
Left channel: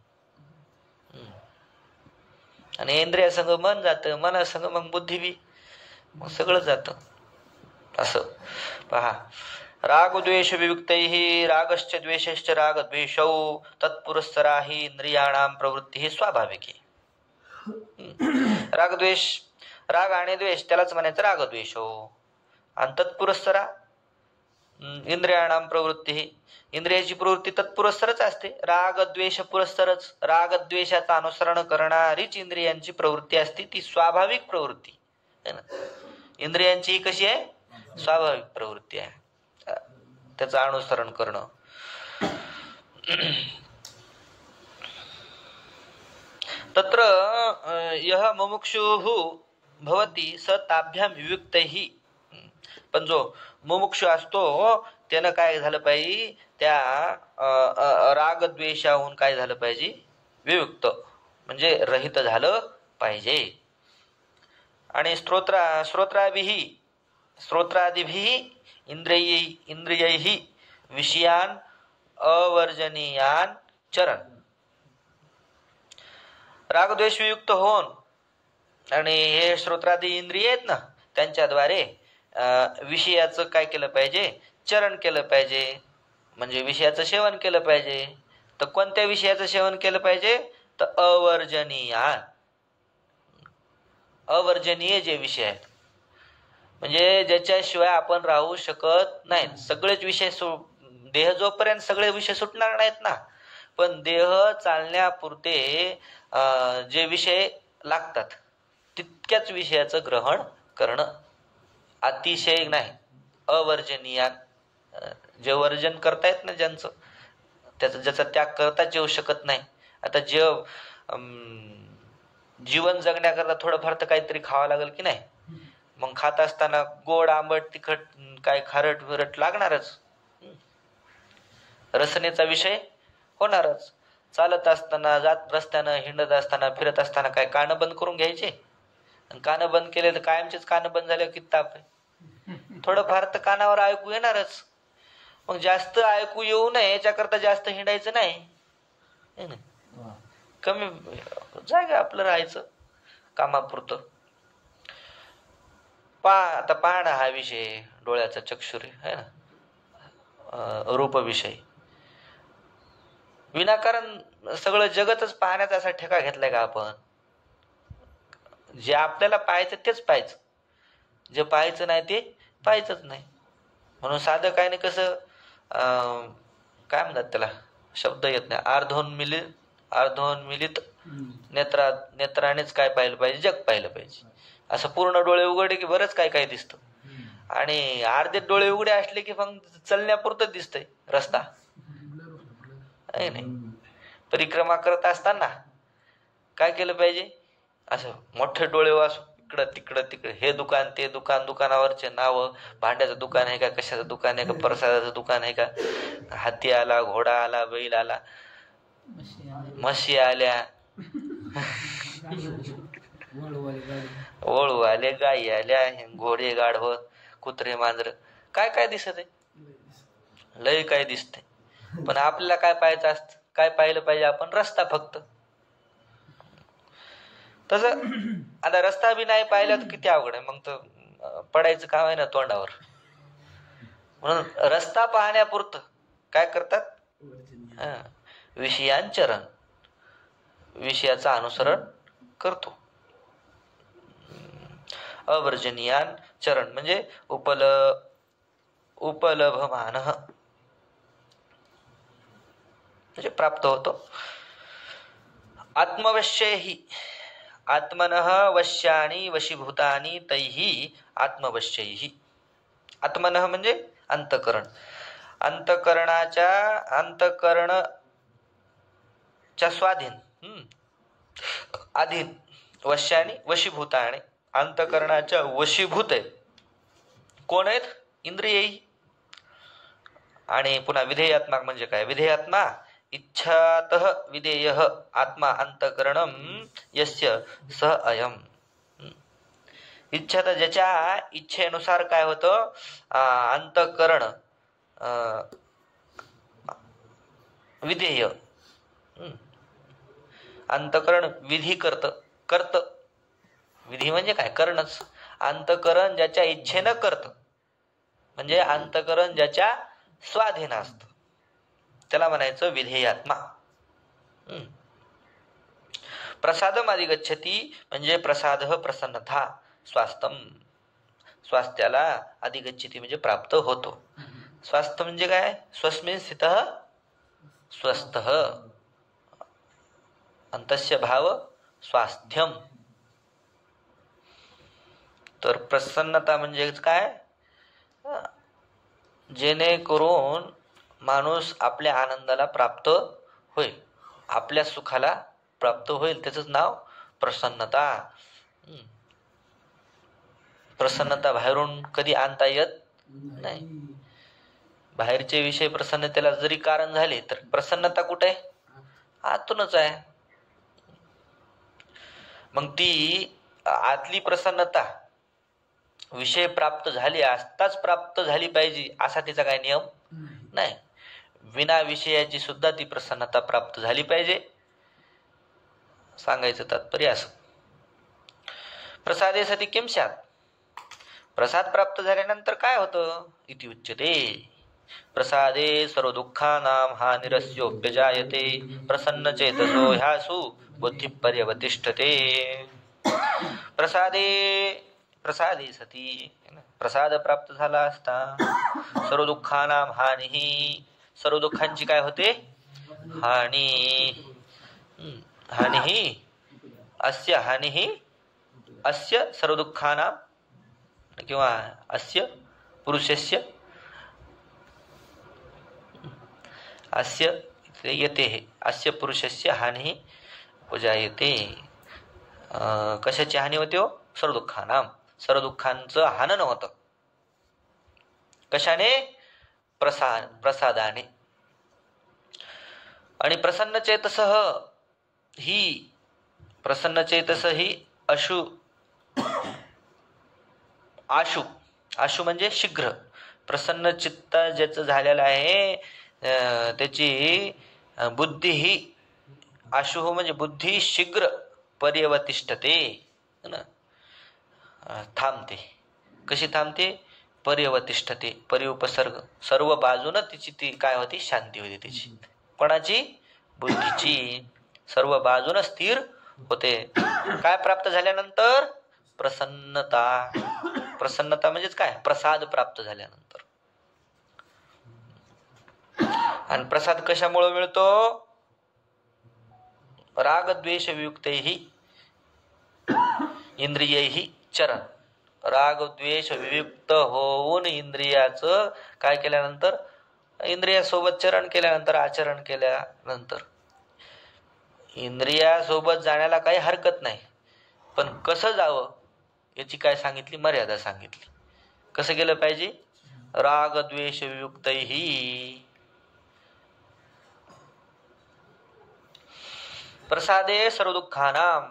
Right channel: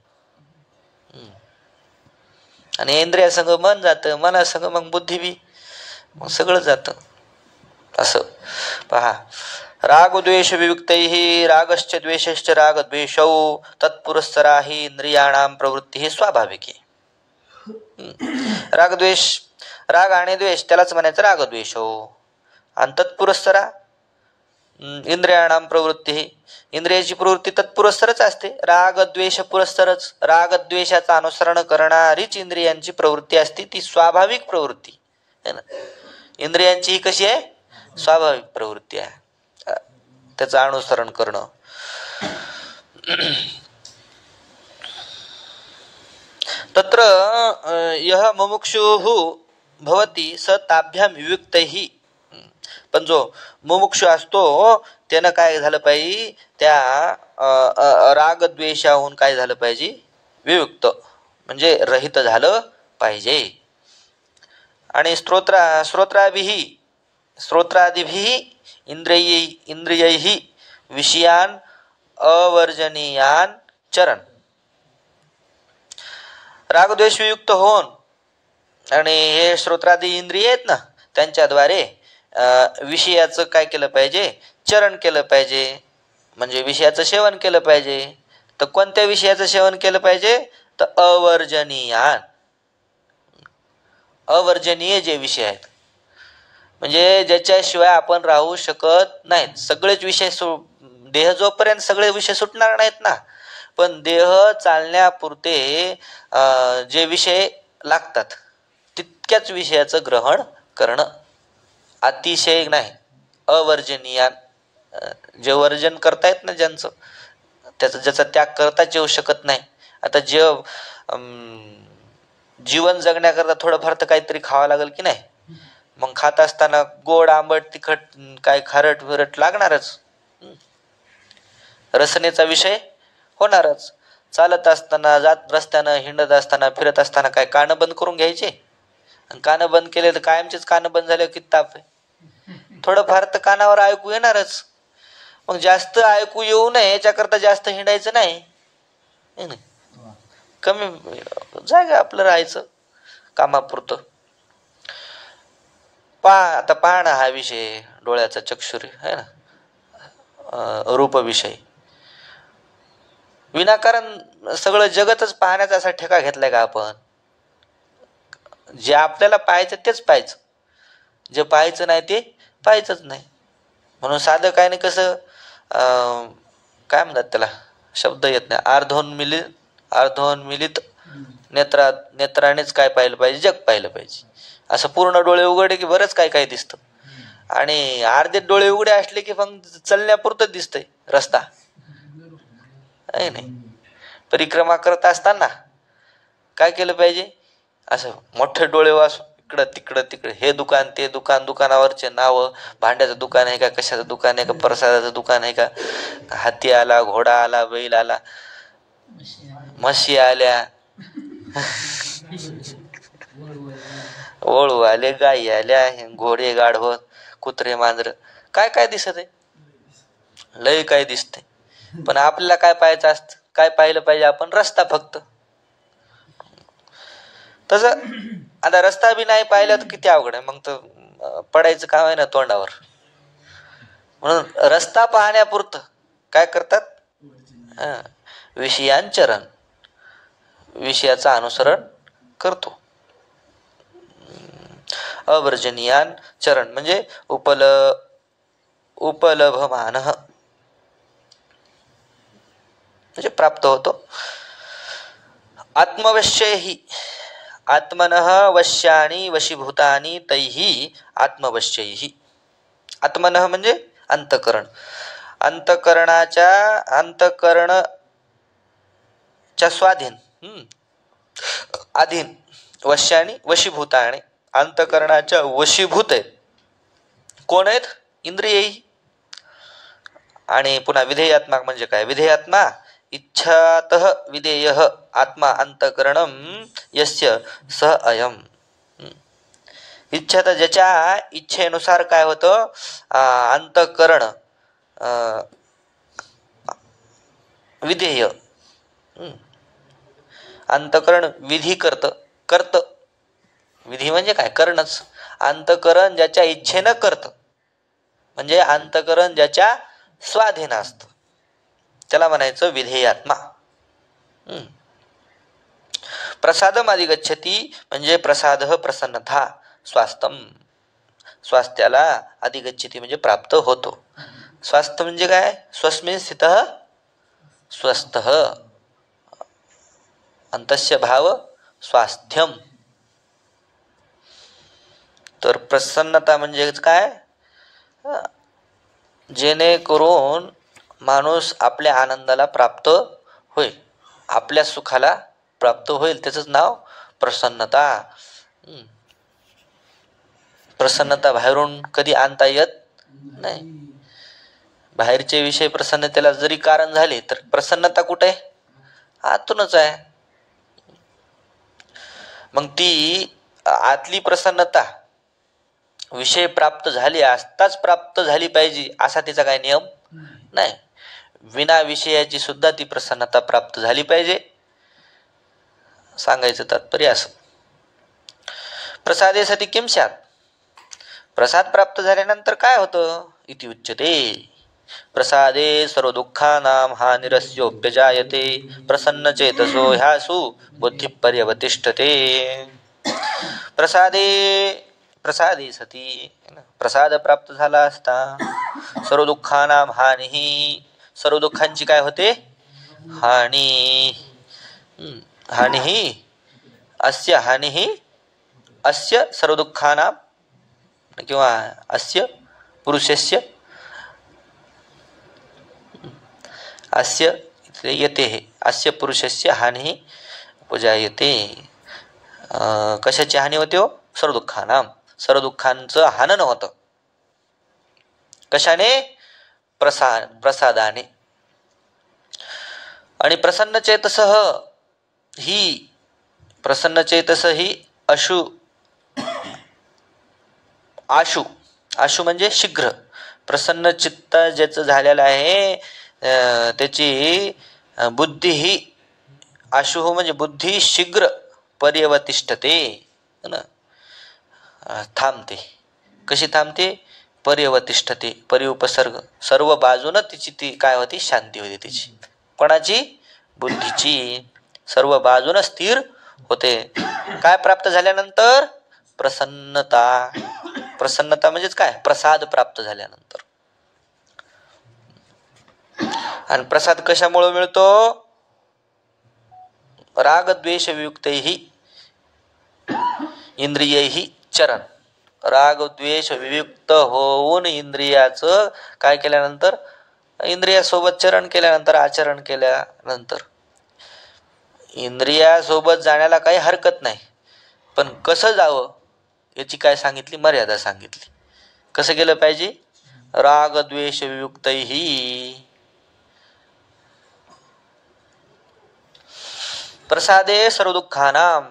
आणि इंद्रिया संग मन जातं, मना संग मग बुद्धी बी, मग सगळं जातं. असं पहा, रागद्वेष वियुक्तैहि रागश्च द्वेषश्च रागद्वेषौ तत्पुरस्सरा हि इंद्रियाणां प्रवृत्ती स्वाभाविकी. रागद्वेष, राग आणि द्वेष त्यालाच म्हणायचं रागद्वेषौ. आणि तत्पुरस्सरा इंद्रियाणां प्रवृत्ती, इंद्रियाची प्रवृत्ती तत्पुरस्सरच असते. रागद्वेष पुरस्सरच, रागद्वेषाचं अनुसरण करणारीच इंद्रियांची प्रवृत्ती असते. ती स्वाभाविक प्रवृत्ती है ना. इंद्रियांची ही कशी आहे? स्वाभाविक प्रवृत्ती आहे, त्याचं अनुसरण करणं. तत्र यः मुमुक्षुः भवति स ताभ्याम वियुक्तैहि. पण जो मुमुक्षु असतो त्यानं काय झालं पाहिजे? त्या रागद्वेषाहून काय झालं पाहिजे? वियुक्त म्हणजे रहित झालं पाहिजे. आणि श्रोत्रादिभिः इंद्रियैः विषयान अवर्जनीयान चरण. रागद्वेष वियुक्त होऊन आणि हे श्रोत्रादी इंद्रिय आहेत ना, त्यांच्याद्वारे विषयाचं काय केलं पाहिजे? चरण केलं पाहिजे, म्हणजे विषयाचं सेवन केलं पाहिजे. तर कोणत्या विषयाचं सेवन केलं पाहिजे? तर अवर्जनीयान, अवर्जनीय जे विषय आहेत. म्हणजे ज्याच्याशिवाय आपण राहू शकत नाहीत. सगळेच विषय देह जोपर्यंत सगळे विषय सुटणार नाहीत ना, पण देह चालण्यापुरते जे विषय लागतात तितक्याच विषयाचं ग्रहण करणं, अतिशय नाही, अवर्जनीय. जे वर्जन करतायत ना ज्यांचं, ज्याचा त्याग करताच येऊ शकत नाही. आता जीवन जगण्याकरता थोडंफार तर काहीतरी खावं लागेल की नाही. मग खात असताना गोड आंबट तिखट काय खारट विरट लागणारच. रसनेचा विषय होणारच. चालत असताना, जात रस्त्यानं, हिंडत असताना, फिरत असताना काय कानं बंद करून घ्यायचे? कानं बंद केले तर कायमचेच कानं बंद झाले किती ताप आहे. थोडंफार तर कानावर ऐकू येणारच. मग जास्त ऐकू येऊ नये याच्याकरता जास्त हिंडायचं नाही, कमी जागा आपलं राहायचं कामापुरतं. आता पहा ना, हा विषय डोळ्याचा चक्षुरी आहे ना, रूप विषय. विनाकारण सगळं जगतच पाहण्याचा असा ठेका घेतलाय का आपण? जे आपल्याला पाहायचं तेच पाहायचं, जे पाहायचं नाही ते पाहायचंच नाही. म्हणून साधं काय नाही, कसं काय म्हणतात त्याला, शब्द येत नाही, अर्धोन्मिलित नेत्रानेच काय पाहिलं पाहिजे, जग पाहिलं पाहिजे. असं पूर्ण डोळे उघडे की बरंच काय काय दिसतं, आणि अर्धे डोळे उघडे असले की मग चलण्यापुरतं दिसतंय रस्ता आहे नाही. परिक्रमा करत असताना काय केलं पाहिजे? असं मोठे डोळे वाचून इकडं तिकडं तिकडे, हे दुकान ते दुकान, दुकानावरचे नाव, भांड्याचं दुकान आहे का, कशाचं दुकान आहे का, प्रसादाचं दुकान आहे का, हाती आला, घोडा आला, बैल आला, म्हशी आल्या, वळू आले, गाई आल्या, घोडे गाढव, कुत्रे मांजर, काय काय दिसत आहे, लय काय दिसते. पण आपल्याला काय पाहायचं असतं? काय पाहिलं पाहिजे आपण? रस्ता फक्त. तस आता रस्ता बी नाही पाहिला तर किती अवघड आहे, मग तर पडायचं काम आहे ना तोंडावर. म्हणून रस्ता पाहण्यापुरतं काय करतात? विषयांचरण, विषयाचं अनुसरण करतो. अवर्जनीयान चरण म्हणजे उपलभमान म्हणजे प्राप्त होतो. आत्मवश्यैहि आत्मनः वश्यानि वशीभूतानि तैहि आत्मवश्यैहि. आत्मनः म्हणजे अंतकरण, अंतकरणाच्या स्वाधीन, अधीन, वश्यानि वशीभूतानि, अंतकरणाच्या वशीभूत आहेत. कोण आहेत? इंद्रिय. आणि पुन्हा विधेयात्मा म्हणजे काय? विधेयात्मा इच्छातः विधेय आत्मा अंतकरणम यस्य स अयम. इच्छा, तर ज्याच्या इच्छेनुसार काय होतं? अंतकरण विधेय, अंतकरण विधी करत. विधी म्हणजे काय? करणच. अंतकरण ज्याच्या इच्छेनं करत म्हणजे अंतकरण ज्याच्या स्वाधीन असत, त्याला म्हणायचं विधेयात्मा. प्रसादम अधिगच्छति म्हणजे प्रसाद प्रसन्नता, स्वास्थ्यम, स्वास्थ्याला अधिगच्छति म्हणजे प्राप्त होतो. स्वास्थ्य म्हणजे काय? स्वस्मिन् स्थितः स्वस्थः, अंतस्य भाव स्वास्थ्यम. तर प्रसन्नता म्हणजे काय? जेणेकरून माणूस आपल्या आनंदाला प्राप्त होईल, आपल्या सुखाला प्राप्त होईल, त्याच नाव प्रसन्नता. प्रसन्नता बाहेरून कधी आणता येत नाही. बाहेरचे विषय प्रसन्नतेला जरी कारण झाले तर प्रसन्नता कुठे आहे? आतूनच आहे. मग ती आतली प्रसन्नता विषय प्राप्त झाले असताच प्राप्त झाली पाहिजे असा तिचा काय नियम नाही. विना विषयाची सुद्धा ती प्रसन्नता प्राप्त झाली पाहिजे, सांगायचं तात्पर्य असं. प्रसादेसाठी किम स्यात्, प्रसाद प्राप्त झाल्यानंतर काय होतं? इति उच्यते. प्रसादे सर्व दुःखानां हानिरस्योप्यजायते प्रसन्न चेतसो ह्यासु बुद्धी पर्यवतिष्ठते. प्रसादे प्रसादे सती, प्रसाद प्राप्त झाला असता सर्व दुःखाना हानी, सर्व दुःखांची काय होते हानी. हानी अस्य, हानी अस्य सर्व दुःखाना किंवा अस्य पुरुषस्य, अस्य येते हे अस्य पुरुषस्य हानी उपजायते. कशाची हानी होते हो? सर्व दुःखाना, सर्व दुःखांचं हनन होतं. कशाने? प्रसादाने. आणि प्रसन्न चेतसः ही, प्रसन्न चेतस ही आशु, आशु म्हणजे शीघ्र. प्रसन्न चित्त ज्याचं झालेलं आहे त्याची बुद्धी ही, आशु म्हणजे बुद्धी शीघ्र पर्यवतिष्ठते, थांबते. कशी थांबते? पर्यवतिष्ठते, परिउपसर्ग, सर्व बाजून तिची ती काय होती? शांती होती तिची. कोणाची? बुद्धीची. सर्व बाजून स्थिर होते. काय प्राप्त झाल्यानंतर? प्रसन्नता. प्रसन्नता म्हणजेच काय? प्रसाद प्राप्त झाल्यानंतर. आणि प्रसाद कशामुळे मिळतो? रागद्वेष वियुक्तैहि इंद्रियैहि चरण. रागद्वेष वियुक्त होऊन इंद्रियाचं काय केल्यानंतर? इंद्रियासोबत चरण केल्यानंतर, आचरण केल्यानंतर. इंद्रियासोबत जाण्याला काही हरकत नाही, पण कसं जावं याची काय सांगितली? मर्यादा सांगितली. कसं गेलं पाहिजे? रागद्वेष वियुक्तैहि. प्रसादे सर्व दुःखानां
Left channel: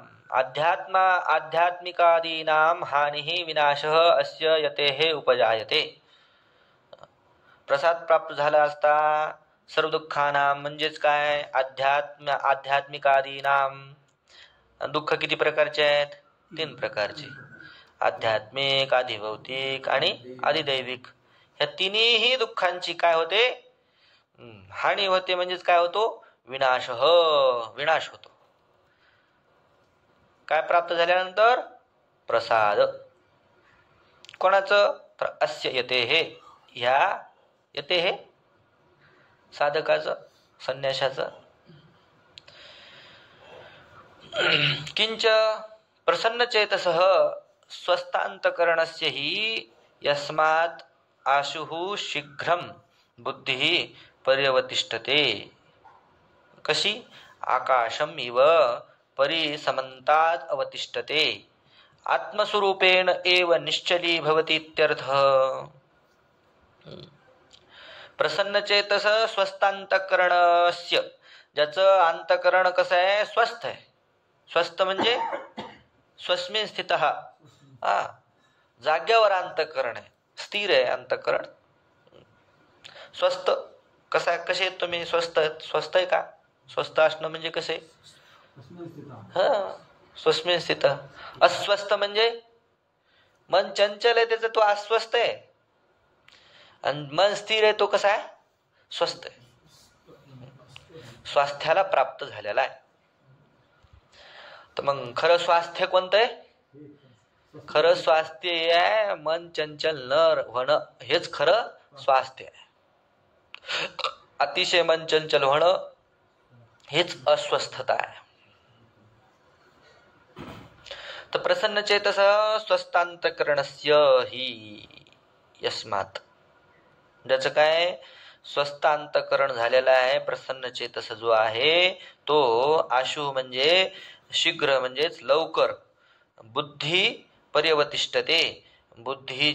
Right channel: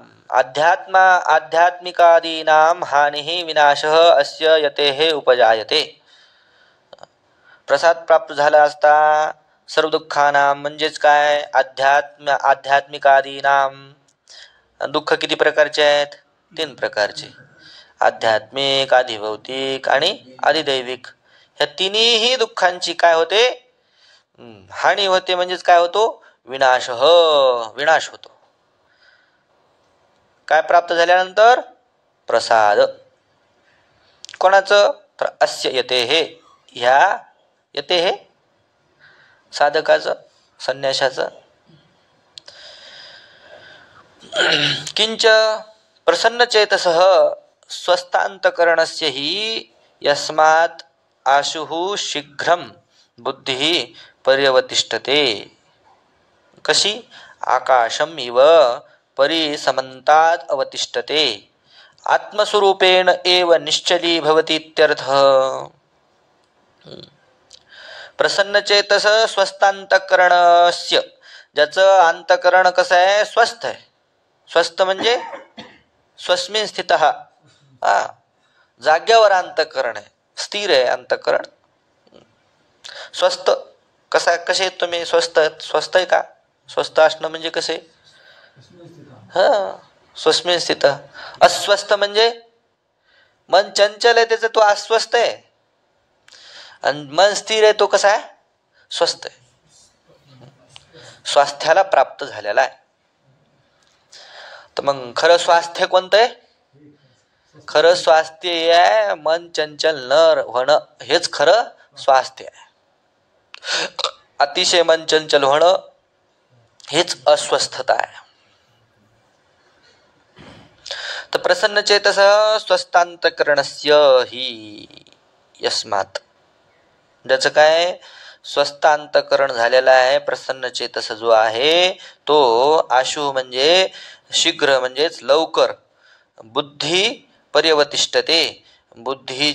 आध्यात्मिकादीनां हानिः विनाशः अस्य यतेः उपजायते. प्रसाद प्राप्त झाला असता सर्व दुःखानां म्हणजेच काय? आध्यात्मिकादीनां. दुःख किती प्रकारचे आहेत? 3 प्रकारचे. आध्यात्मिक, आधिभौतिक आणि आधिदैविक. ह्या तिन्ही दुःखांची काय होते? हानी होते. म्हणजेच काय होतो? विनाश होतो. काय प्राप्त झाल्यानंतर? प्रसाद. कोणाचं? तर अस्य येते हे, ह्या येते हे साधकाचं, संन्याशाचं. किंच प्रसन्नचेतसः स्वस्थान्तकरणस्य हि यस्मात् आशुः शीघ्रं बुद्धिः पर्यवतिष्ठते. कशी? आकाशम इव परिसमन्तात् अवतिष्ठते, आत्मस्वरूपेण एव निश्चली भवति इत्यर्थः. प्रसन्नचेतस स्वस्थान्तकरणस्य, ज्याचं अंतकरण कसं आहे? स्वस्थ आहे. स्वस्थ म्हणजे स्वस्मिन स्थितः, जाग्यावर अंतकरण आहे, स्थिर आहे अंतकरण. स्वस्थ कसा? कसे तुम्ही? स्वस्थ स्वस्थ आहे का? स्वस्थ असणं म्हणजे कसे? स्वस्मिन स्थित. अस्वस्थ म्हणजे मन चंचल आहे त्याचं, तो अस्वस्थ आहे. आणि मन स्थिर आहे, तो कसा आहे? स्वस्थ आहे. स्वास्थ्याला प्राप्त झालेला आहे. तर मग खरं स्वास्थ्य कोणतं आहे? खरं स्वास्थ्य हे आहे मन चंचल न होणं, हेच खरं स्वास्थ्य आहे. अतिशय मन चंचल होणं हेच अस्वस्थता आहे. तर प्रसन्न चेतस स्वस्थांतकरणस्य हि यस्मात्, ज्याचं काय? स्वस्थ अंतकरण झालेला आहे. प्रसन्न चेतस जो आहे तो आशु म्हणजे शीघ्र, म्हणजेच लवकर. बुद्धी पर्यवतिष्ठते, बुद्धी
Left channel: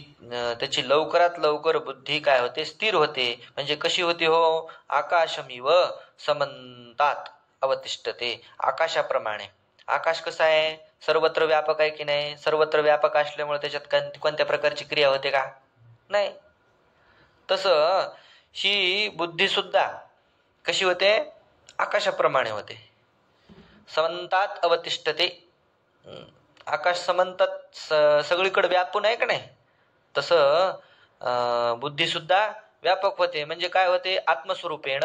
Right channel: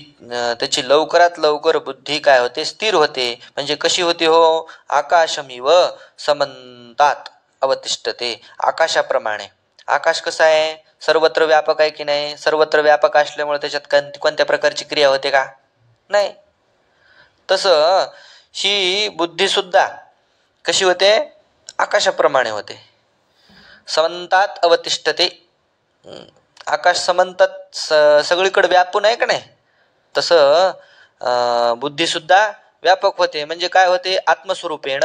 त्याची लवकरात लवकर बुद्धी काय होते? स्थिर होते. म्हणजे कशी होते हो? आकाशमिव समंतात अवतिष्ठते, आकाशाप्रमाणे. आकाश कसं आहे? सर्वत्र व्यापक आहे की नाही? सर्वत्र व्यापक असल्यामुळे त्याच्यात कोणत्या प्रकारची क्रिया होते का? नाही. तसं ही बुद्धी सुद्धा कशी होते? आकाशाप्रमाणे होते. समंतात अवतिष्ठते. आकाश समंतात सगळीकडे व्यापून आहे का नाही? तसं बुद्धी सुद्धा व्यापक होते. म्हणजे काय होते? आत्मस्वरूपेण.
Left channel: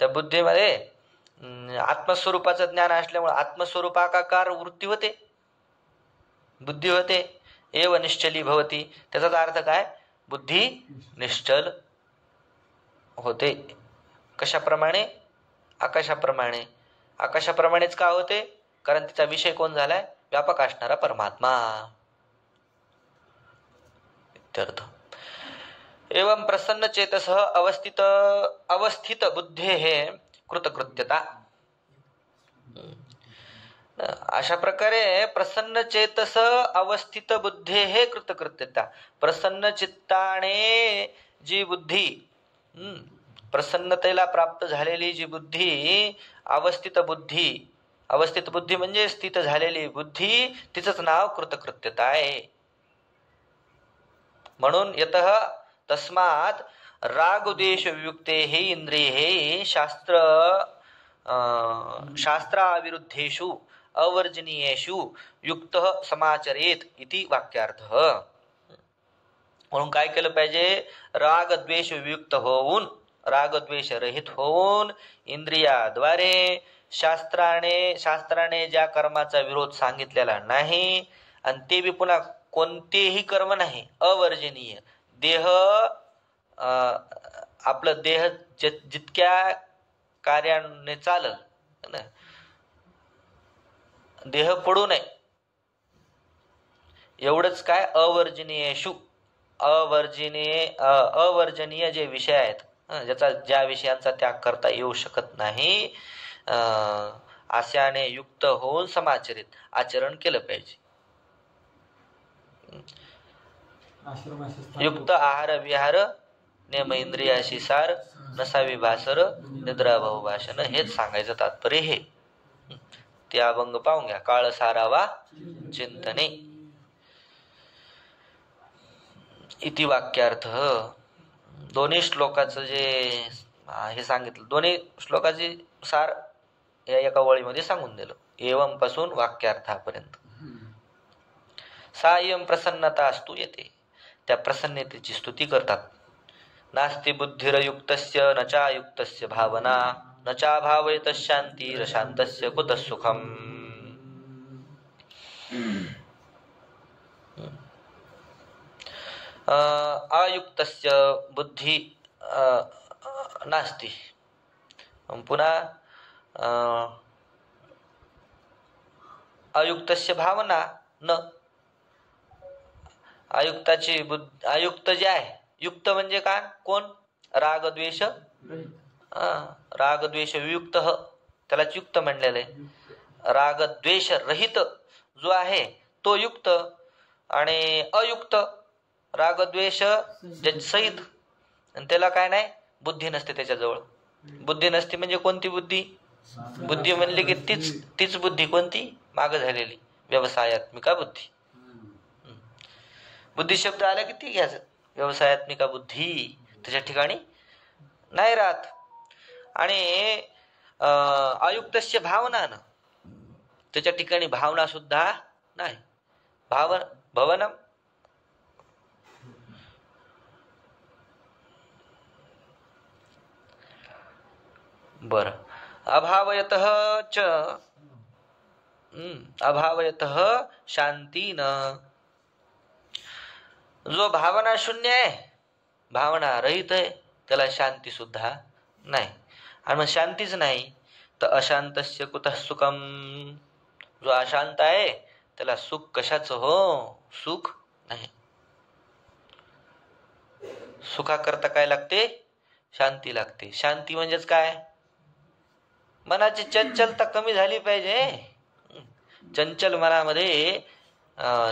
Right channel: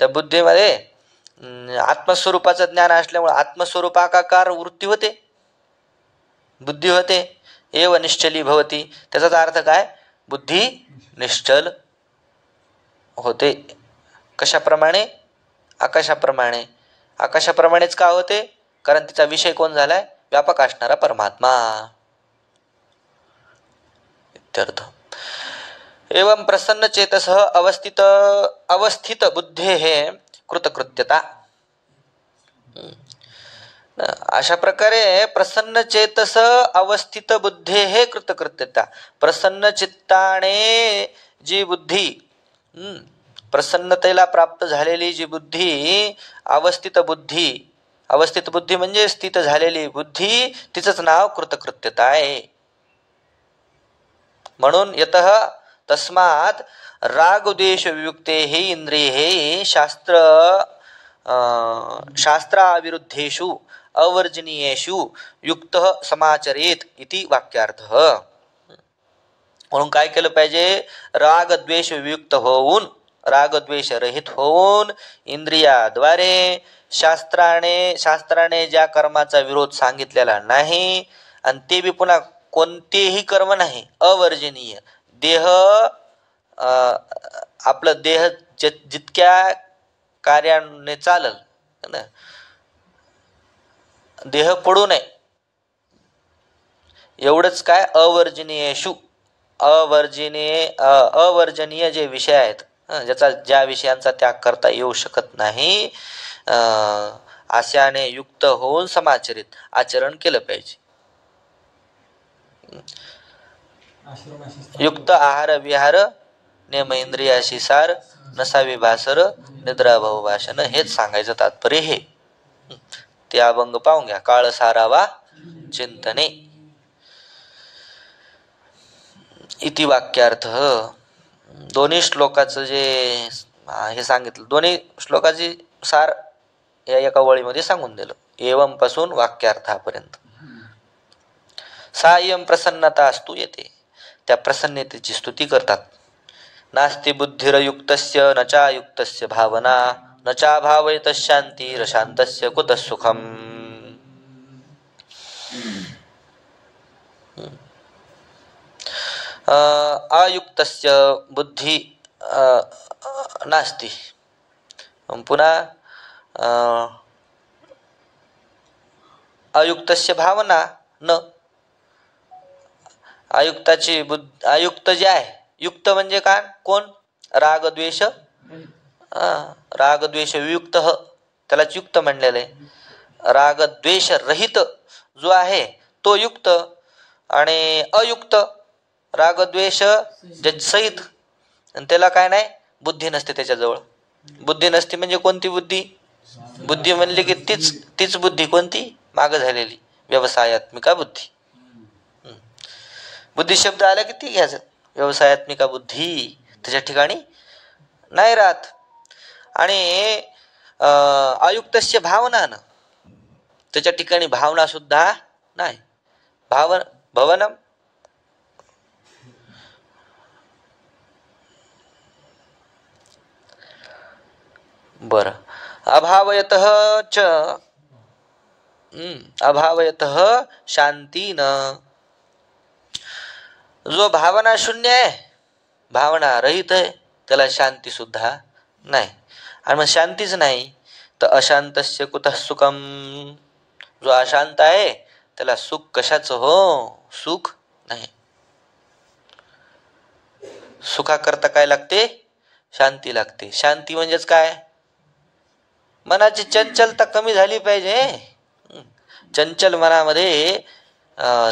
त्या बुद्धीमध्ये आत्मस्वरूपाचं ज्ञान असल्यामुळे आत्मस्वरूपाकार वृत्ती होते. बुद्धी होते. एव निश्चली भवती, त्याचा अर्थ काय? बुद्धी निश्चल होते. कशाप्रमाणे? आकाशाप्रमाणे. आकाशाप्रमाणेच का होते? कारण तिचा विषय कोण झालाय? व्यापक असणारा परमात्मा. इत्यर्थ. एवं प्रसन्न चेतस अवस्थित बुद्धेः कृतकृत्यता. अशा प्रकारे प्रसन्न चेतस अवस्थित बुद्धेः कृतकृत्यता. प्रसन्न चित्ताने जी बुद्धी, प्रसन्नतेला प्राप्त झालेली जी बुद्धी, अवस्थित बुद्धी, अवस्थित बुद्धी म्हणजे स्थित झालेली बुद्धी, तिचंच नाव कृतकृत्यता आहे. म्हणून यतः तस्मात् रागद्वेष वियुक्तेः इंद्रियैः शास्त्राविरुद्धेषु अवर्जनीयेषु युक्तः समाचरेत इति वाक्यार्थः. म्हणून काय केलं पाहिजे? राग द्वेष वियुक्त होऊन, राग द्वेष रहित होऊन, इंद्रियाद्वारे शास्त्राने ज्या कर्माचा विरोध सांगितलेला नाही, आणि ते बी पुन्हा कोणतेही कर्म नाही, अवर्जनीय. देह, आपलं देह जितक्या कार्याने चालल, देह पडू नये एवढंच. काय? अवर्जनीयेषु, अवर्जनीय जे विषय आहेत, ज्या विषयांचा त्याग करता येऊ शकत नाही, आशाने युक्त होऊन समाचरित आचरण केलं पाहिजे. युक्त आहार विहार, नेम इंद्रियाशी सार, नसावी भासर, निद्रा भाऊ भाषण, हेच सांगायचं तात्पर्य हे. ते अभंग पाहून घ्या. काळ सारावा चिंतने इति वाक्यार्थ. दोन्ही श्लोकाचं जे हे सांगितलं, दोन्ही श्लोकाची सार या एका वळीमध्ये सांगून दिलं, एवं पासून वाक्यार्थापर्यंत. सायं प्रसन्नता असतू येते, त्या प्रसन्नतेची स्तुती करतात. नास्ति बुद्धिरयुक्तस्य न चायुक्तस्य भावना, न चाभावयत शांतिः शान्तस्य कुतः सुखम्. अयुक्तस्य बुद्धी नास्ति. पुन्हा अयुक्तस्य भावना न, आयुक्ताची बुद्धी, आयुक्त जे आहे, युक्त म्हणजे काय? कोण? राग द्वेष, राग द्वेष वियुक्त, त्यालाच युक्त म्हणलेलं आहे. राग द्वेष रहित जो आहे तो युक्त, आणि अयुक्त राग द्वेष सहित, आणि त्याला काय नाही? बुद्धी नसते त्याच्याजवळ. बुद्धी नसते म्हणजे कोणती बुद्धी? बुद्धी म्हणले की तीच बुद्धी कोणती? माग झालेली व्यवसायात्मिका बुद्धी. बुद्धी शब्द आला की ती घ्यायचं. व्यवसायात्मिका बुद्धी त्याच्या ठिकाणी नाही राहत. आणि अयुक्तस्य भावना न, त्याच्या ठिकाणी भावना सुद्धा नाही. भवनम बर. अभावयतः च अभावयतः शांती न, जो भावना शून्य आहे, भावना रहित आहे, त्याला शांती सुद्धा नाही. आणि मग शांतीच नाही तर अशांतस्य कुतः सुखम, जो अशांत आहे त्याला सुख कशाचं? हो, सुख नाही. सुखाकरता काय लागते? शांती लागते. शांती म्हणजेच काय? मनाची चंचलता कमी झाली पाहिजे. चंचल मनामध्ये,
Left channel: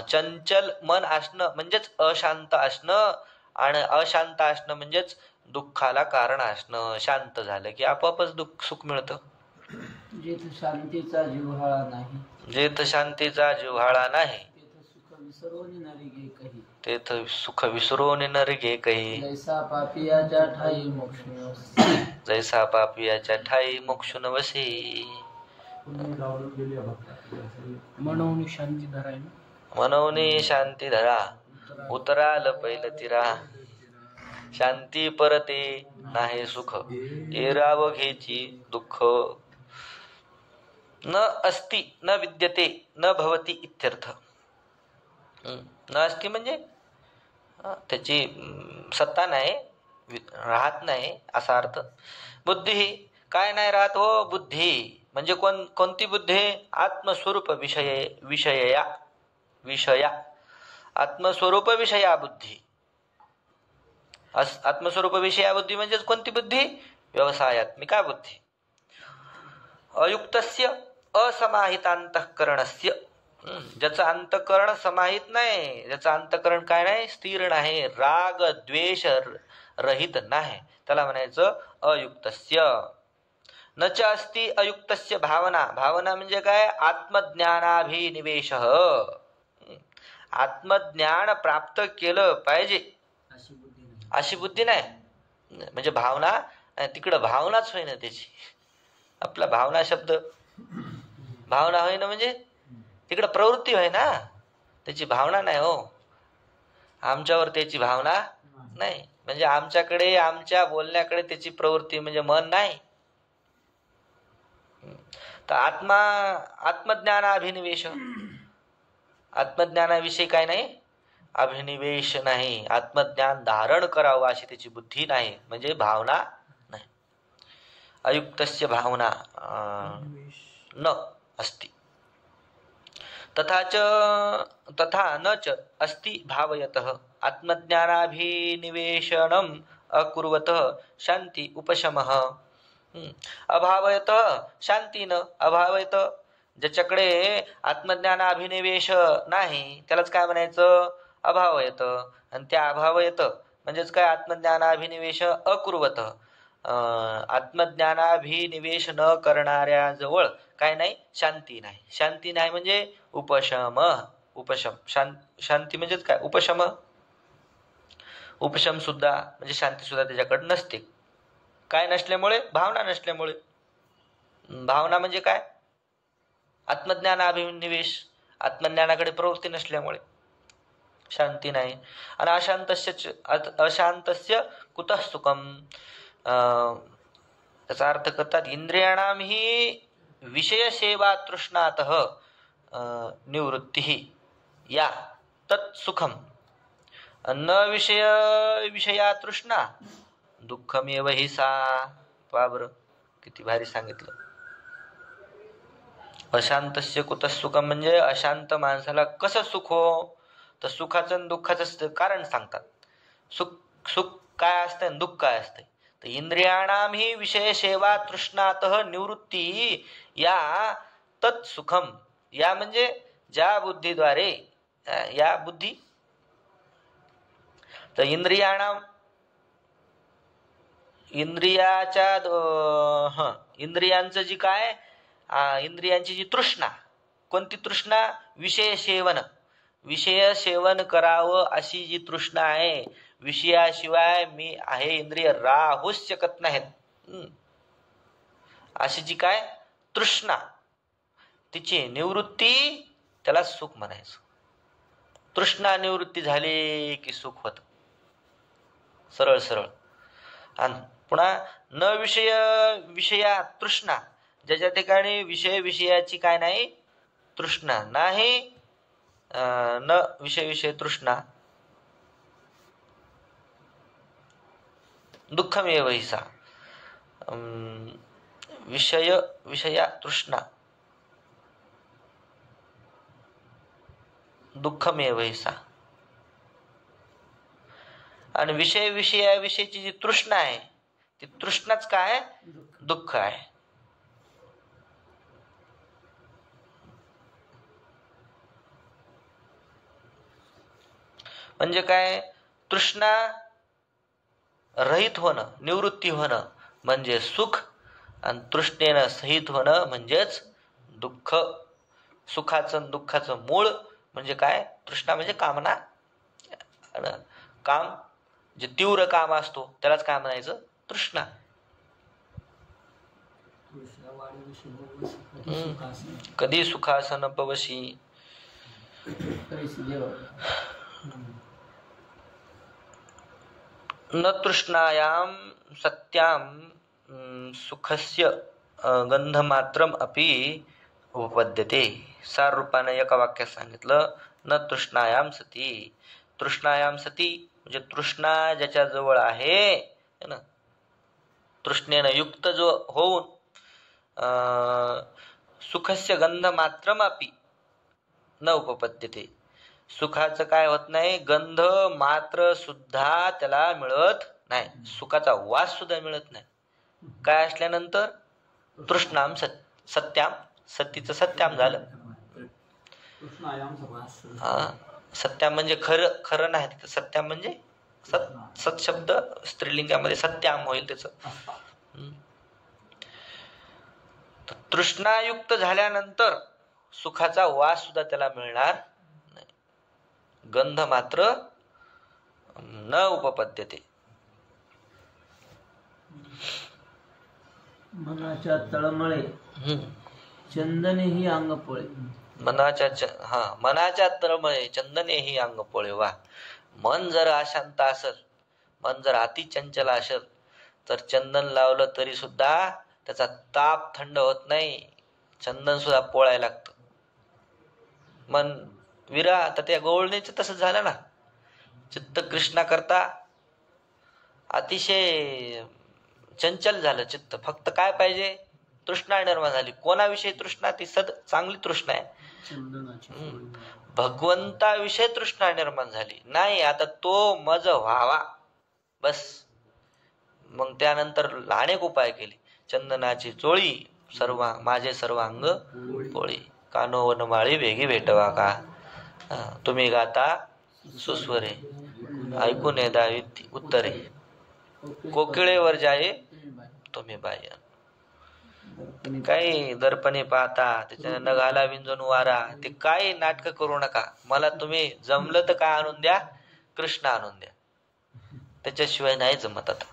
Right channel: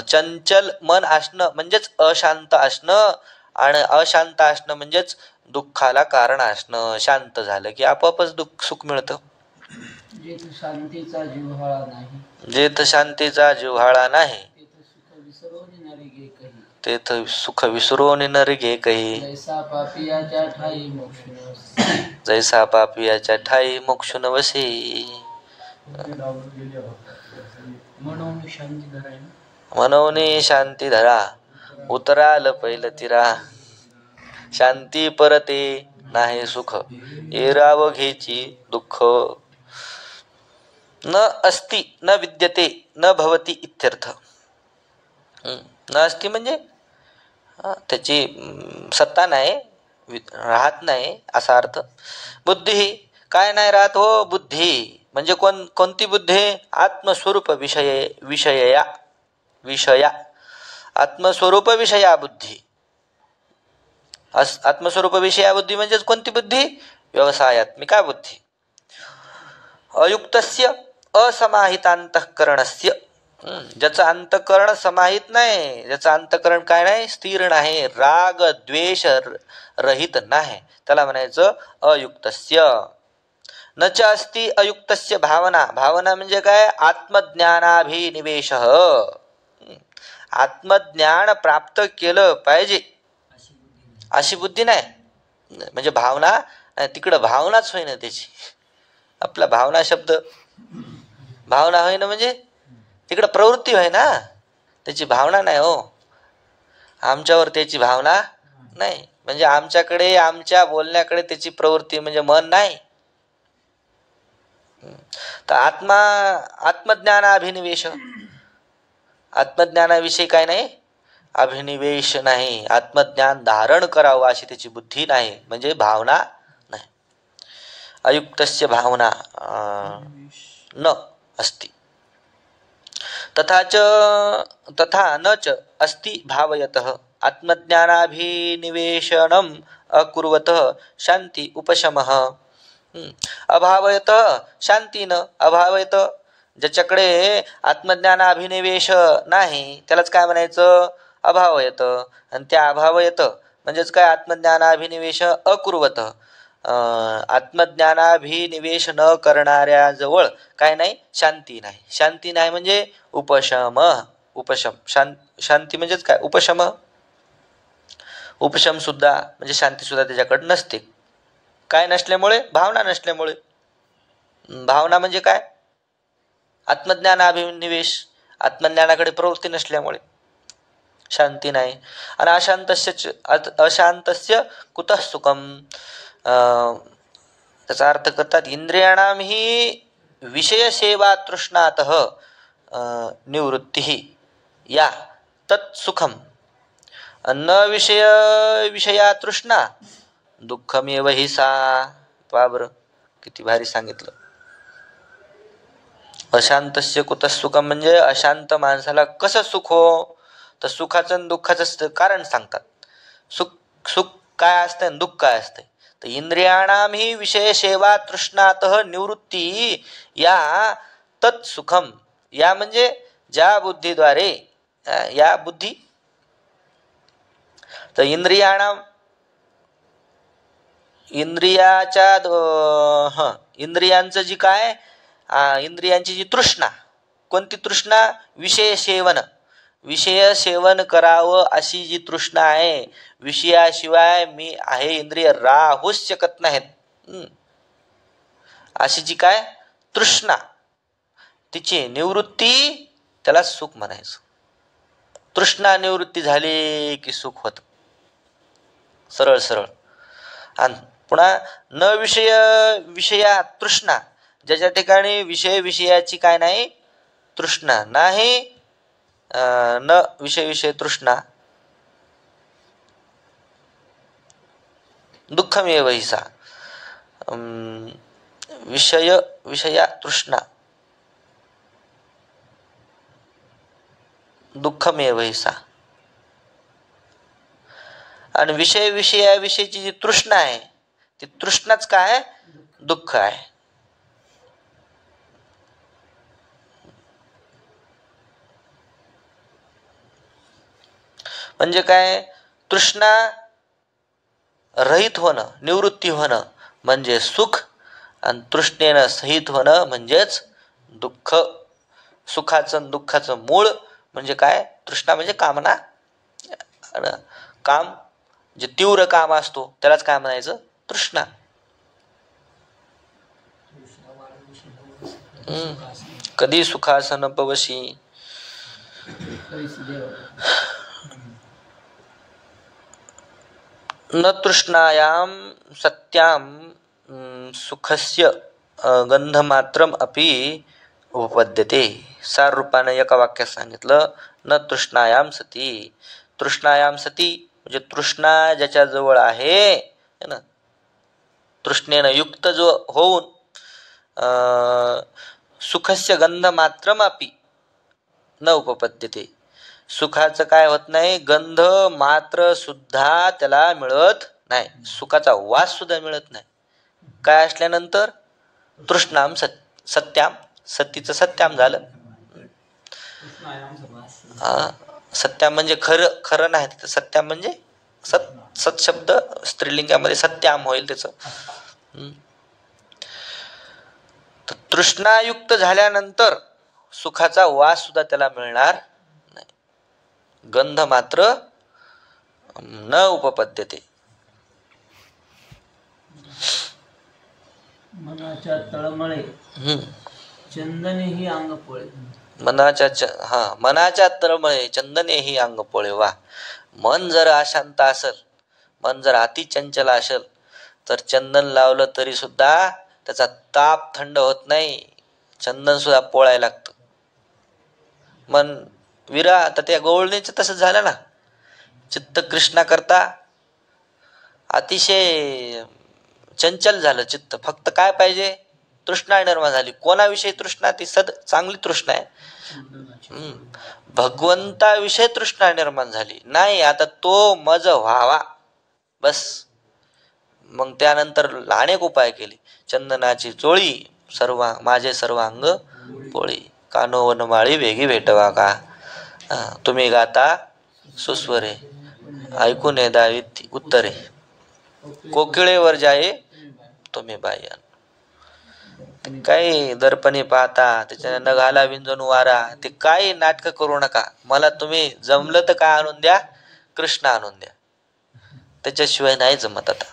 चंचल मन असणं म्हणजेच अशांत असणं, आणि अशांत असणं म्हणजेच दुःखाला कारण असणं. शांत झालं की आपोआपच सुख मिळतं. जेथ शांतीचा जिव्हाळा नाही, जेथ शांतीचा जिव्हाळा नाही, तेथ सुख विसरून नर घे काही. जैसा पापियाच्या ठाई मोक्ष नवसे, जैसा पापियाच्या ठाई मोक्ष नवसे. मनोनी शांती धरा, मनोनी शांती धरा, उतराल पैल तिरा. शांती परते नाही सुख, एराव घेची दुःख. न अस्ति न विद्यते न भवति इत्यर्थ. नास्ती म्हणजे त्याची सत्ता नाही, राहत नाही असा अर्थ. बुद्धी काय नाही राहत हो, बुद्धी म्हणजे कोणती बुद्धी? आत्मस्वरूप विषया आत्मस्वरूप विषया बुद्धी. आत्मस्वरूप विषया बुद्धी म्हणजेच कोणती बुद्धी? व्यवसायात्मिका बुद्धी. अयुक्तस्य असमाहितांतःकरणस्य, ज्याचं अंतःकरण समाहित नाही, ज्याचं अंतःकरण काय नाही, स्थिर नाही, राग द्वेष रहित नाही, त्याला म्हणायचं अयुक्तस्य. न च अस्ति अयुक्तस्य भावना. भावना म्हणजे काय? आत्मज्ञानाभिनिवेश. आत्मज्ञान प्राप्त केलं पाहिजे अशी बुद्धी नाही. म्हणजे भावना तिकडं भावनाच होईना त्याची. आपला भावना शब्द भावना होईना म्हणजे तिकडं प्रवृत्ती होय ना, त्याची भावना नाही हो. आमच्यावर त्याची भावना नाही, म्हणजे आमच्याकडे आमच्या बोलण्याकडे त्याची प्रवृत्ती म्हणजे मन नाही. तर आत्मज्ञानाभिनिवेश, आत्मज्ञानाविषयी काय नाही, अभिनिवेश नाही, आत्मज्ञान धारण करावं अशी त्याची बुद्धी नाही, म्हणजे भावना नाही. अयुक्तस्य भावना न अस्ति. तथा न च अस्ति भावयतः आत्मज्ञानाभिनिवेशनम अकुर्वतः शांति उपशमः. अभावयत शांती न अभावयत, ज्याच्याकडे आत्मज्ञानाभिनिवेश नाही त्यालाच काय म्हणायचं? अभावयत. आणि त्या अभावयत म्हणजेच काय? आत्मज्ञानाभिनिवेश अकुर्वत, आत्मज्ञानाभिनिवेश न करणाऱ्या जवळ काय नाही? शांती नाही. शांती नाही म्हणजे उपशम. शांती म्हणजेच काय? उपशम. उपशम सुद्धा म्हणजे शांती सुद्धा त्याच्याकडे नसते. काय नसल्यामुळे? भावना नसल्यामुळे. भावना म्हणजे काय? आत्मज्ञानाभिनिवेश, आत्मज्ञानाकडे प्रवृत्ती नसल्यामुळे शांती नाही. आणि अशांतस्य कुतः सुखम. त्याचा अर्थ करतात, इंद्रियाणाम ही विषय सेवा तृष्णातः निवृत्ती या तत्सुखम. न विषया तृष्णा दुःखमेव हि सा. बाबर, किती भारी सांगितलं. अशांतस्य कुतः सुखम म्हणजे अशांत माणसाला कसं सुख हो? तर सुखाचं आणि दुःखाचं कारण सांगतात. सुख काय असतं, दुःख काय असतं. तर इंद्रियाणाम ही विषय सेवा तृष्णातः निवृत्ती या तत्सुखम. या म्हणजे ज्या बुद्धीद्वारे, या बुद्धी. तर इंद्रियांचं जी काय, इंद्रियांची जी तृष्णा, कोणती तृष्णा? विषय सेवन. विषय सेवन करावं अशी जी तृष्णा आहे, विषयाशिवाय मी आहे इंद्रिय राहूच शकत नाहीत अशी जी काय तृष्णा, तिची निवृत्ती, त्याला सुख म्हणायचं. तृष्णा निवृत्ती झाली की सुख होत, सरळ सरळ. आणि पुन्हा न विषया तृष्णा, ज्याच्या ठिकाणी विषयाची काय नाही, तृष्णा नाही, न विषय तृष्णा दुःखमेव हि सा. विषया तृष्णा दुःखमेव हि सा. आणि विषयाविषयीची जी तृष्णा आहे, ती तृष्णाच काय? दुःख आहे. म्हणजे काय? तृष्णा रहित होणं, निवृत्ती होणं म्हणजे सुख, आणि तृष्णेनं सहित होणं म्हणजेच दुःख. सुखाचं दुःखाचं मूळ म्हणजे काय? तृष्णा म्हणजे कामना. काम जे तीव्र काम असतो त्यालाच काय म्हणायचं? तृष्णा. कधी सुखासन पवशी. न तृष्णायाम सत्याम सुखस्य गंधमात्रम अपि उपपद्यते. सार रूपाने एका वाक्यात सांगितलं, न तृष्णायाम सती. तृष्णायाम सती म्हणजे तृष्णा ज्याच्या जवळ आहे है ना, तृष्णेनं युक्त जो होऊन सुखस्य गंध मात्रमापी न उपपद्यते. सुखाचं काय होत नाही, गंध मात्र सुद्धा त्याला मिळत नाही, सुखाचा वास सुद्धा मिळत नाही. काय असल्यानंतर तृष्णाम सत्याम, सतीचं सत्याम झालं. सत्याम म्हणजे खरं, खरं नाही तिथं. सत्याम म्हणजे सत शब्द स्त्रीलिंगामध्ये सत्याम होईल त्याच. तृष्णायुक्त झाल्यानंतर सुखाचा वास सुद्धा त्याला मिळणार नाही. गंध मात्र न उपपद्यते. मनाच्या तळमळे चंदने ही अंग पोळे. मनाच्या तळमळे चंदने ही अंग पोळे. वा. मन जर अशांत असेल, मन जर अति चंचल असेल, तर चंदन लावलं तरी सुद्धा त्याचा ताप थंड होत नाही, चंदन सुद्धा पोळायला लागतं. मन विरा तर त्या गवळणीचं तसंच झालं ना. चित्त कृष्णा करता अतिशय चंचल झालं चित्त. फक्त काय पाहिजे, तृष्णा निर्माण झाली. कोणाविषयी तृष्णा? ती चांगली तृष्णा आहे, भगवंताविषयी तृष्णा निर्माण झाली. नाही आता तो मज व्हावा बस. मग त्यानंतर अनेक उपाय केले. चंदनाची चोळी माझे सर्वांग पोळी, कानो वनमाळी वेगी भेटवा का. तुम्ही गाता सुस्वरे, ऐकून दावी उत्तरे, कोकिळेवर जाये तुम्ही बाया. काही दर्पणी पाहता त्याच्या नगाला विंजून वारा. ते काही नाटक करू नका. मला तुम्ही जमलं तर काय आणून द्या, कृष्ण आणून द्या, त्याच्याशिवाय नाही जमत. आता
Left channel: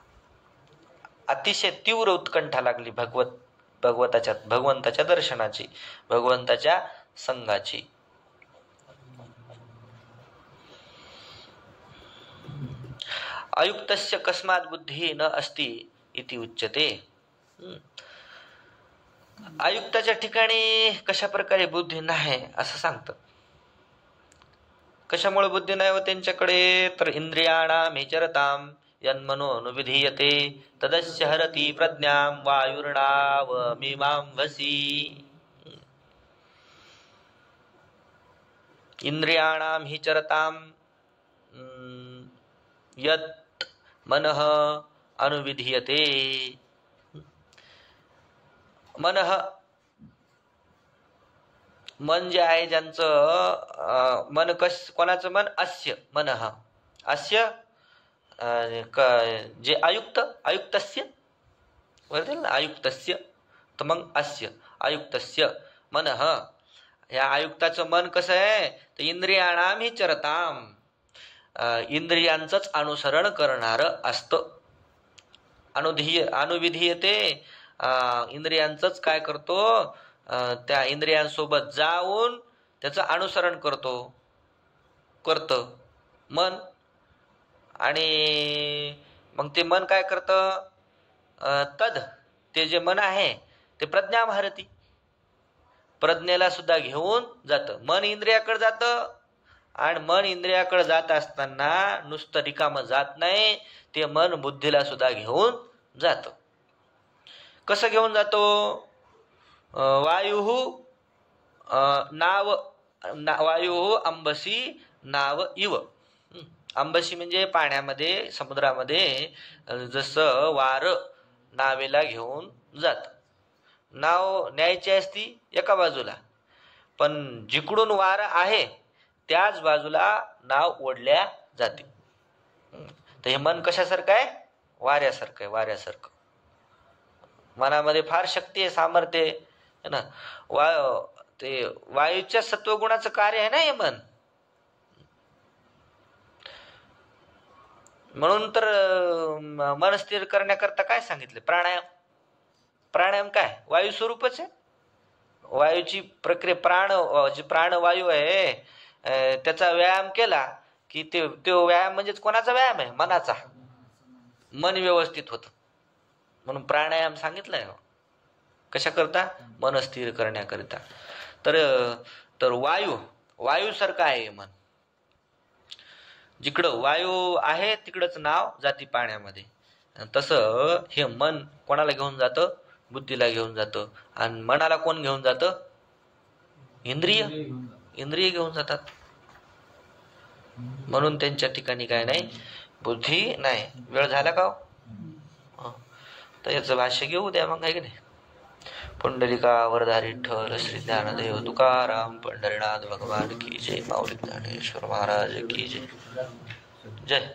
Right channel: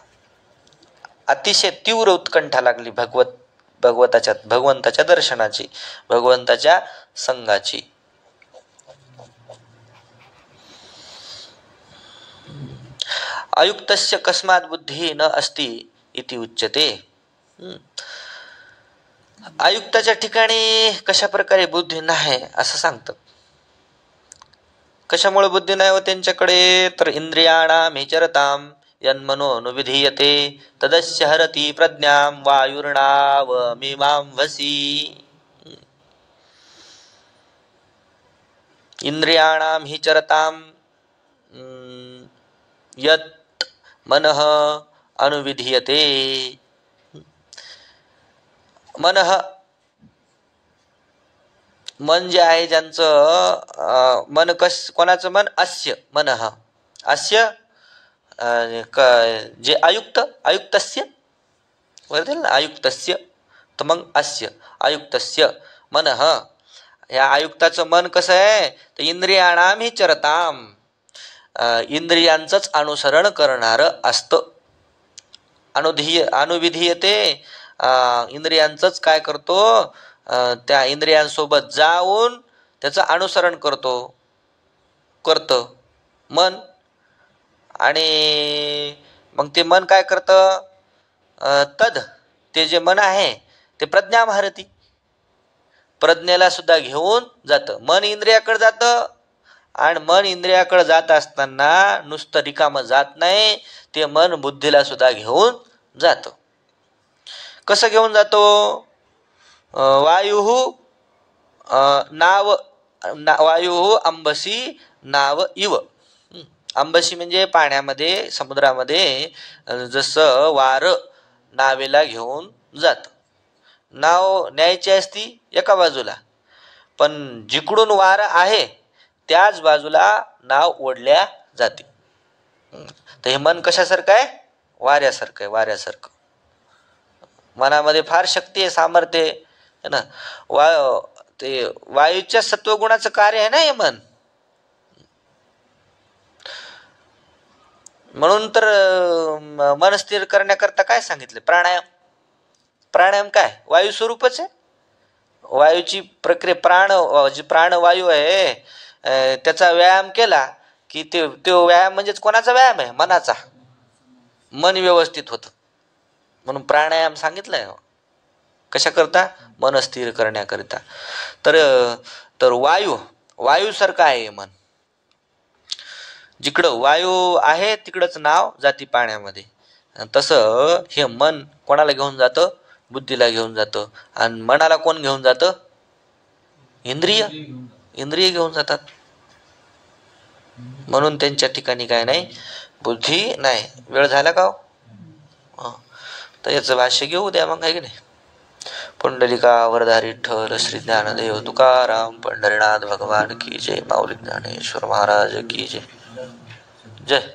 अतिशय तीव्र उत्कंठा लागली भगवंताच्या दर्शनाची, भगवंताच्या संगाची. अयुक्तस्य कस्मात बुद्धी न अस्ति इति उच्यते. अयुक्ताच्या ठिकाणी कशा प्रकारे बुद्धी नाही असं सांगतात. कशामुळे बुद्धी नाही हो त्यांच्याकडे, तर इंद्रियाणाम हिचरताम यन्मनोनुविधीयते तदस्य हरति प्रज्ञाम वायुर्नाव मीमांवसी. इंद्रियाणाम हिचरताम यत् मनः अनुविधीयते. मनः मन जे आहे ज्यांचं मन कोणाचं मन, अस्य मनः, अस्य जे अयुक्तस्य वरतील ना, अयुक्तस्य, तर मग अस्य अयुक्तस्य मनः. या आयुक्ताचं मन कसं आहे, तर इंद्रियाणाम हि चरताम, इंद्रियांचंच अनुसरण करणार असतं. अनुविधीयते, इंद्रियांचंच काय करतो, त्या इंद्रियांसोबत जाऊन त्याचं अनुसरण करतं मन. आणि मग ते मन काय करतं, ते जे मन आहे ते प्रज्ञामहरती, प्रज्ञेला सुद्धा घेऊन जातं. मन इंद्रियाकडे जातं, आणि मन इंद्रियाकडे जात असताना नुसतं रिकामं जात नाही, ते मन बुद्धीला सुद्धा घेऊन जातं. कसं घेऊन जातो, वायु अंबसी नाव इव. अंबसी म्हणजे पाण्यामध्ये, समुद्रामध्ये जसं वार नावेला घेऊन जात. नाव न्यायची असती एका बाजूला, पण जिकडून वार आहे त्याच बाजूला नाव ओढल्या जाते. तर हे मन कशासारखं आहे, वाऱ्यासारखं आहे, वाऱ्यासारखं. मनामध्ये फार शक्ती आहे, सामर्थ्य आहे ना. ते वायूच्या सत्वगुणाचं कार्य आहे ना हे मन. म्हणून तर मन स्थिर करण्याकरता काय सांगितले, प्राणायाम. प्राणायाम काय, वायू स्वरूपच आहे. वायूची प्रक्रिया, जी प्राणवायू आहे त्याचा व्यायाम केला की तो व्यायाम म्हणजेच कोणाचा व्यायाम आहे, मनाचा. मन व्यवस्थित होतं, म्हणून प्राणायाम सांगितलंय. कशा करता, मन स्थिर करण्याकरिता. तर वायू वायूसारखं आहे हे मन. जिकडं वायू आहे तिकडंच नाव जाती पाण्यामध्ये. तसं हे मन कोणाला घेऊन जातं? बुद्धीला घेऊन जातं. आणि मनाला कोण घेऊन जातं? इंद्रिय. इंद्रिय घेऊन जातात. म्हणून त्यांच्या ठिकाणी काय नाही, बुद्धी नाही. वेळ झाला का हो? तर याचं भाष्य घेऊ द्या मग, आहे की नाही. पुंडलिका वरदा विठ्ठल श्री ज्ञानदेव तुकाराम पंढरीनाथ भगवान की जय. माऊली ज्ञानेश्वर महाराज की जय. जय.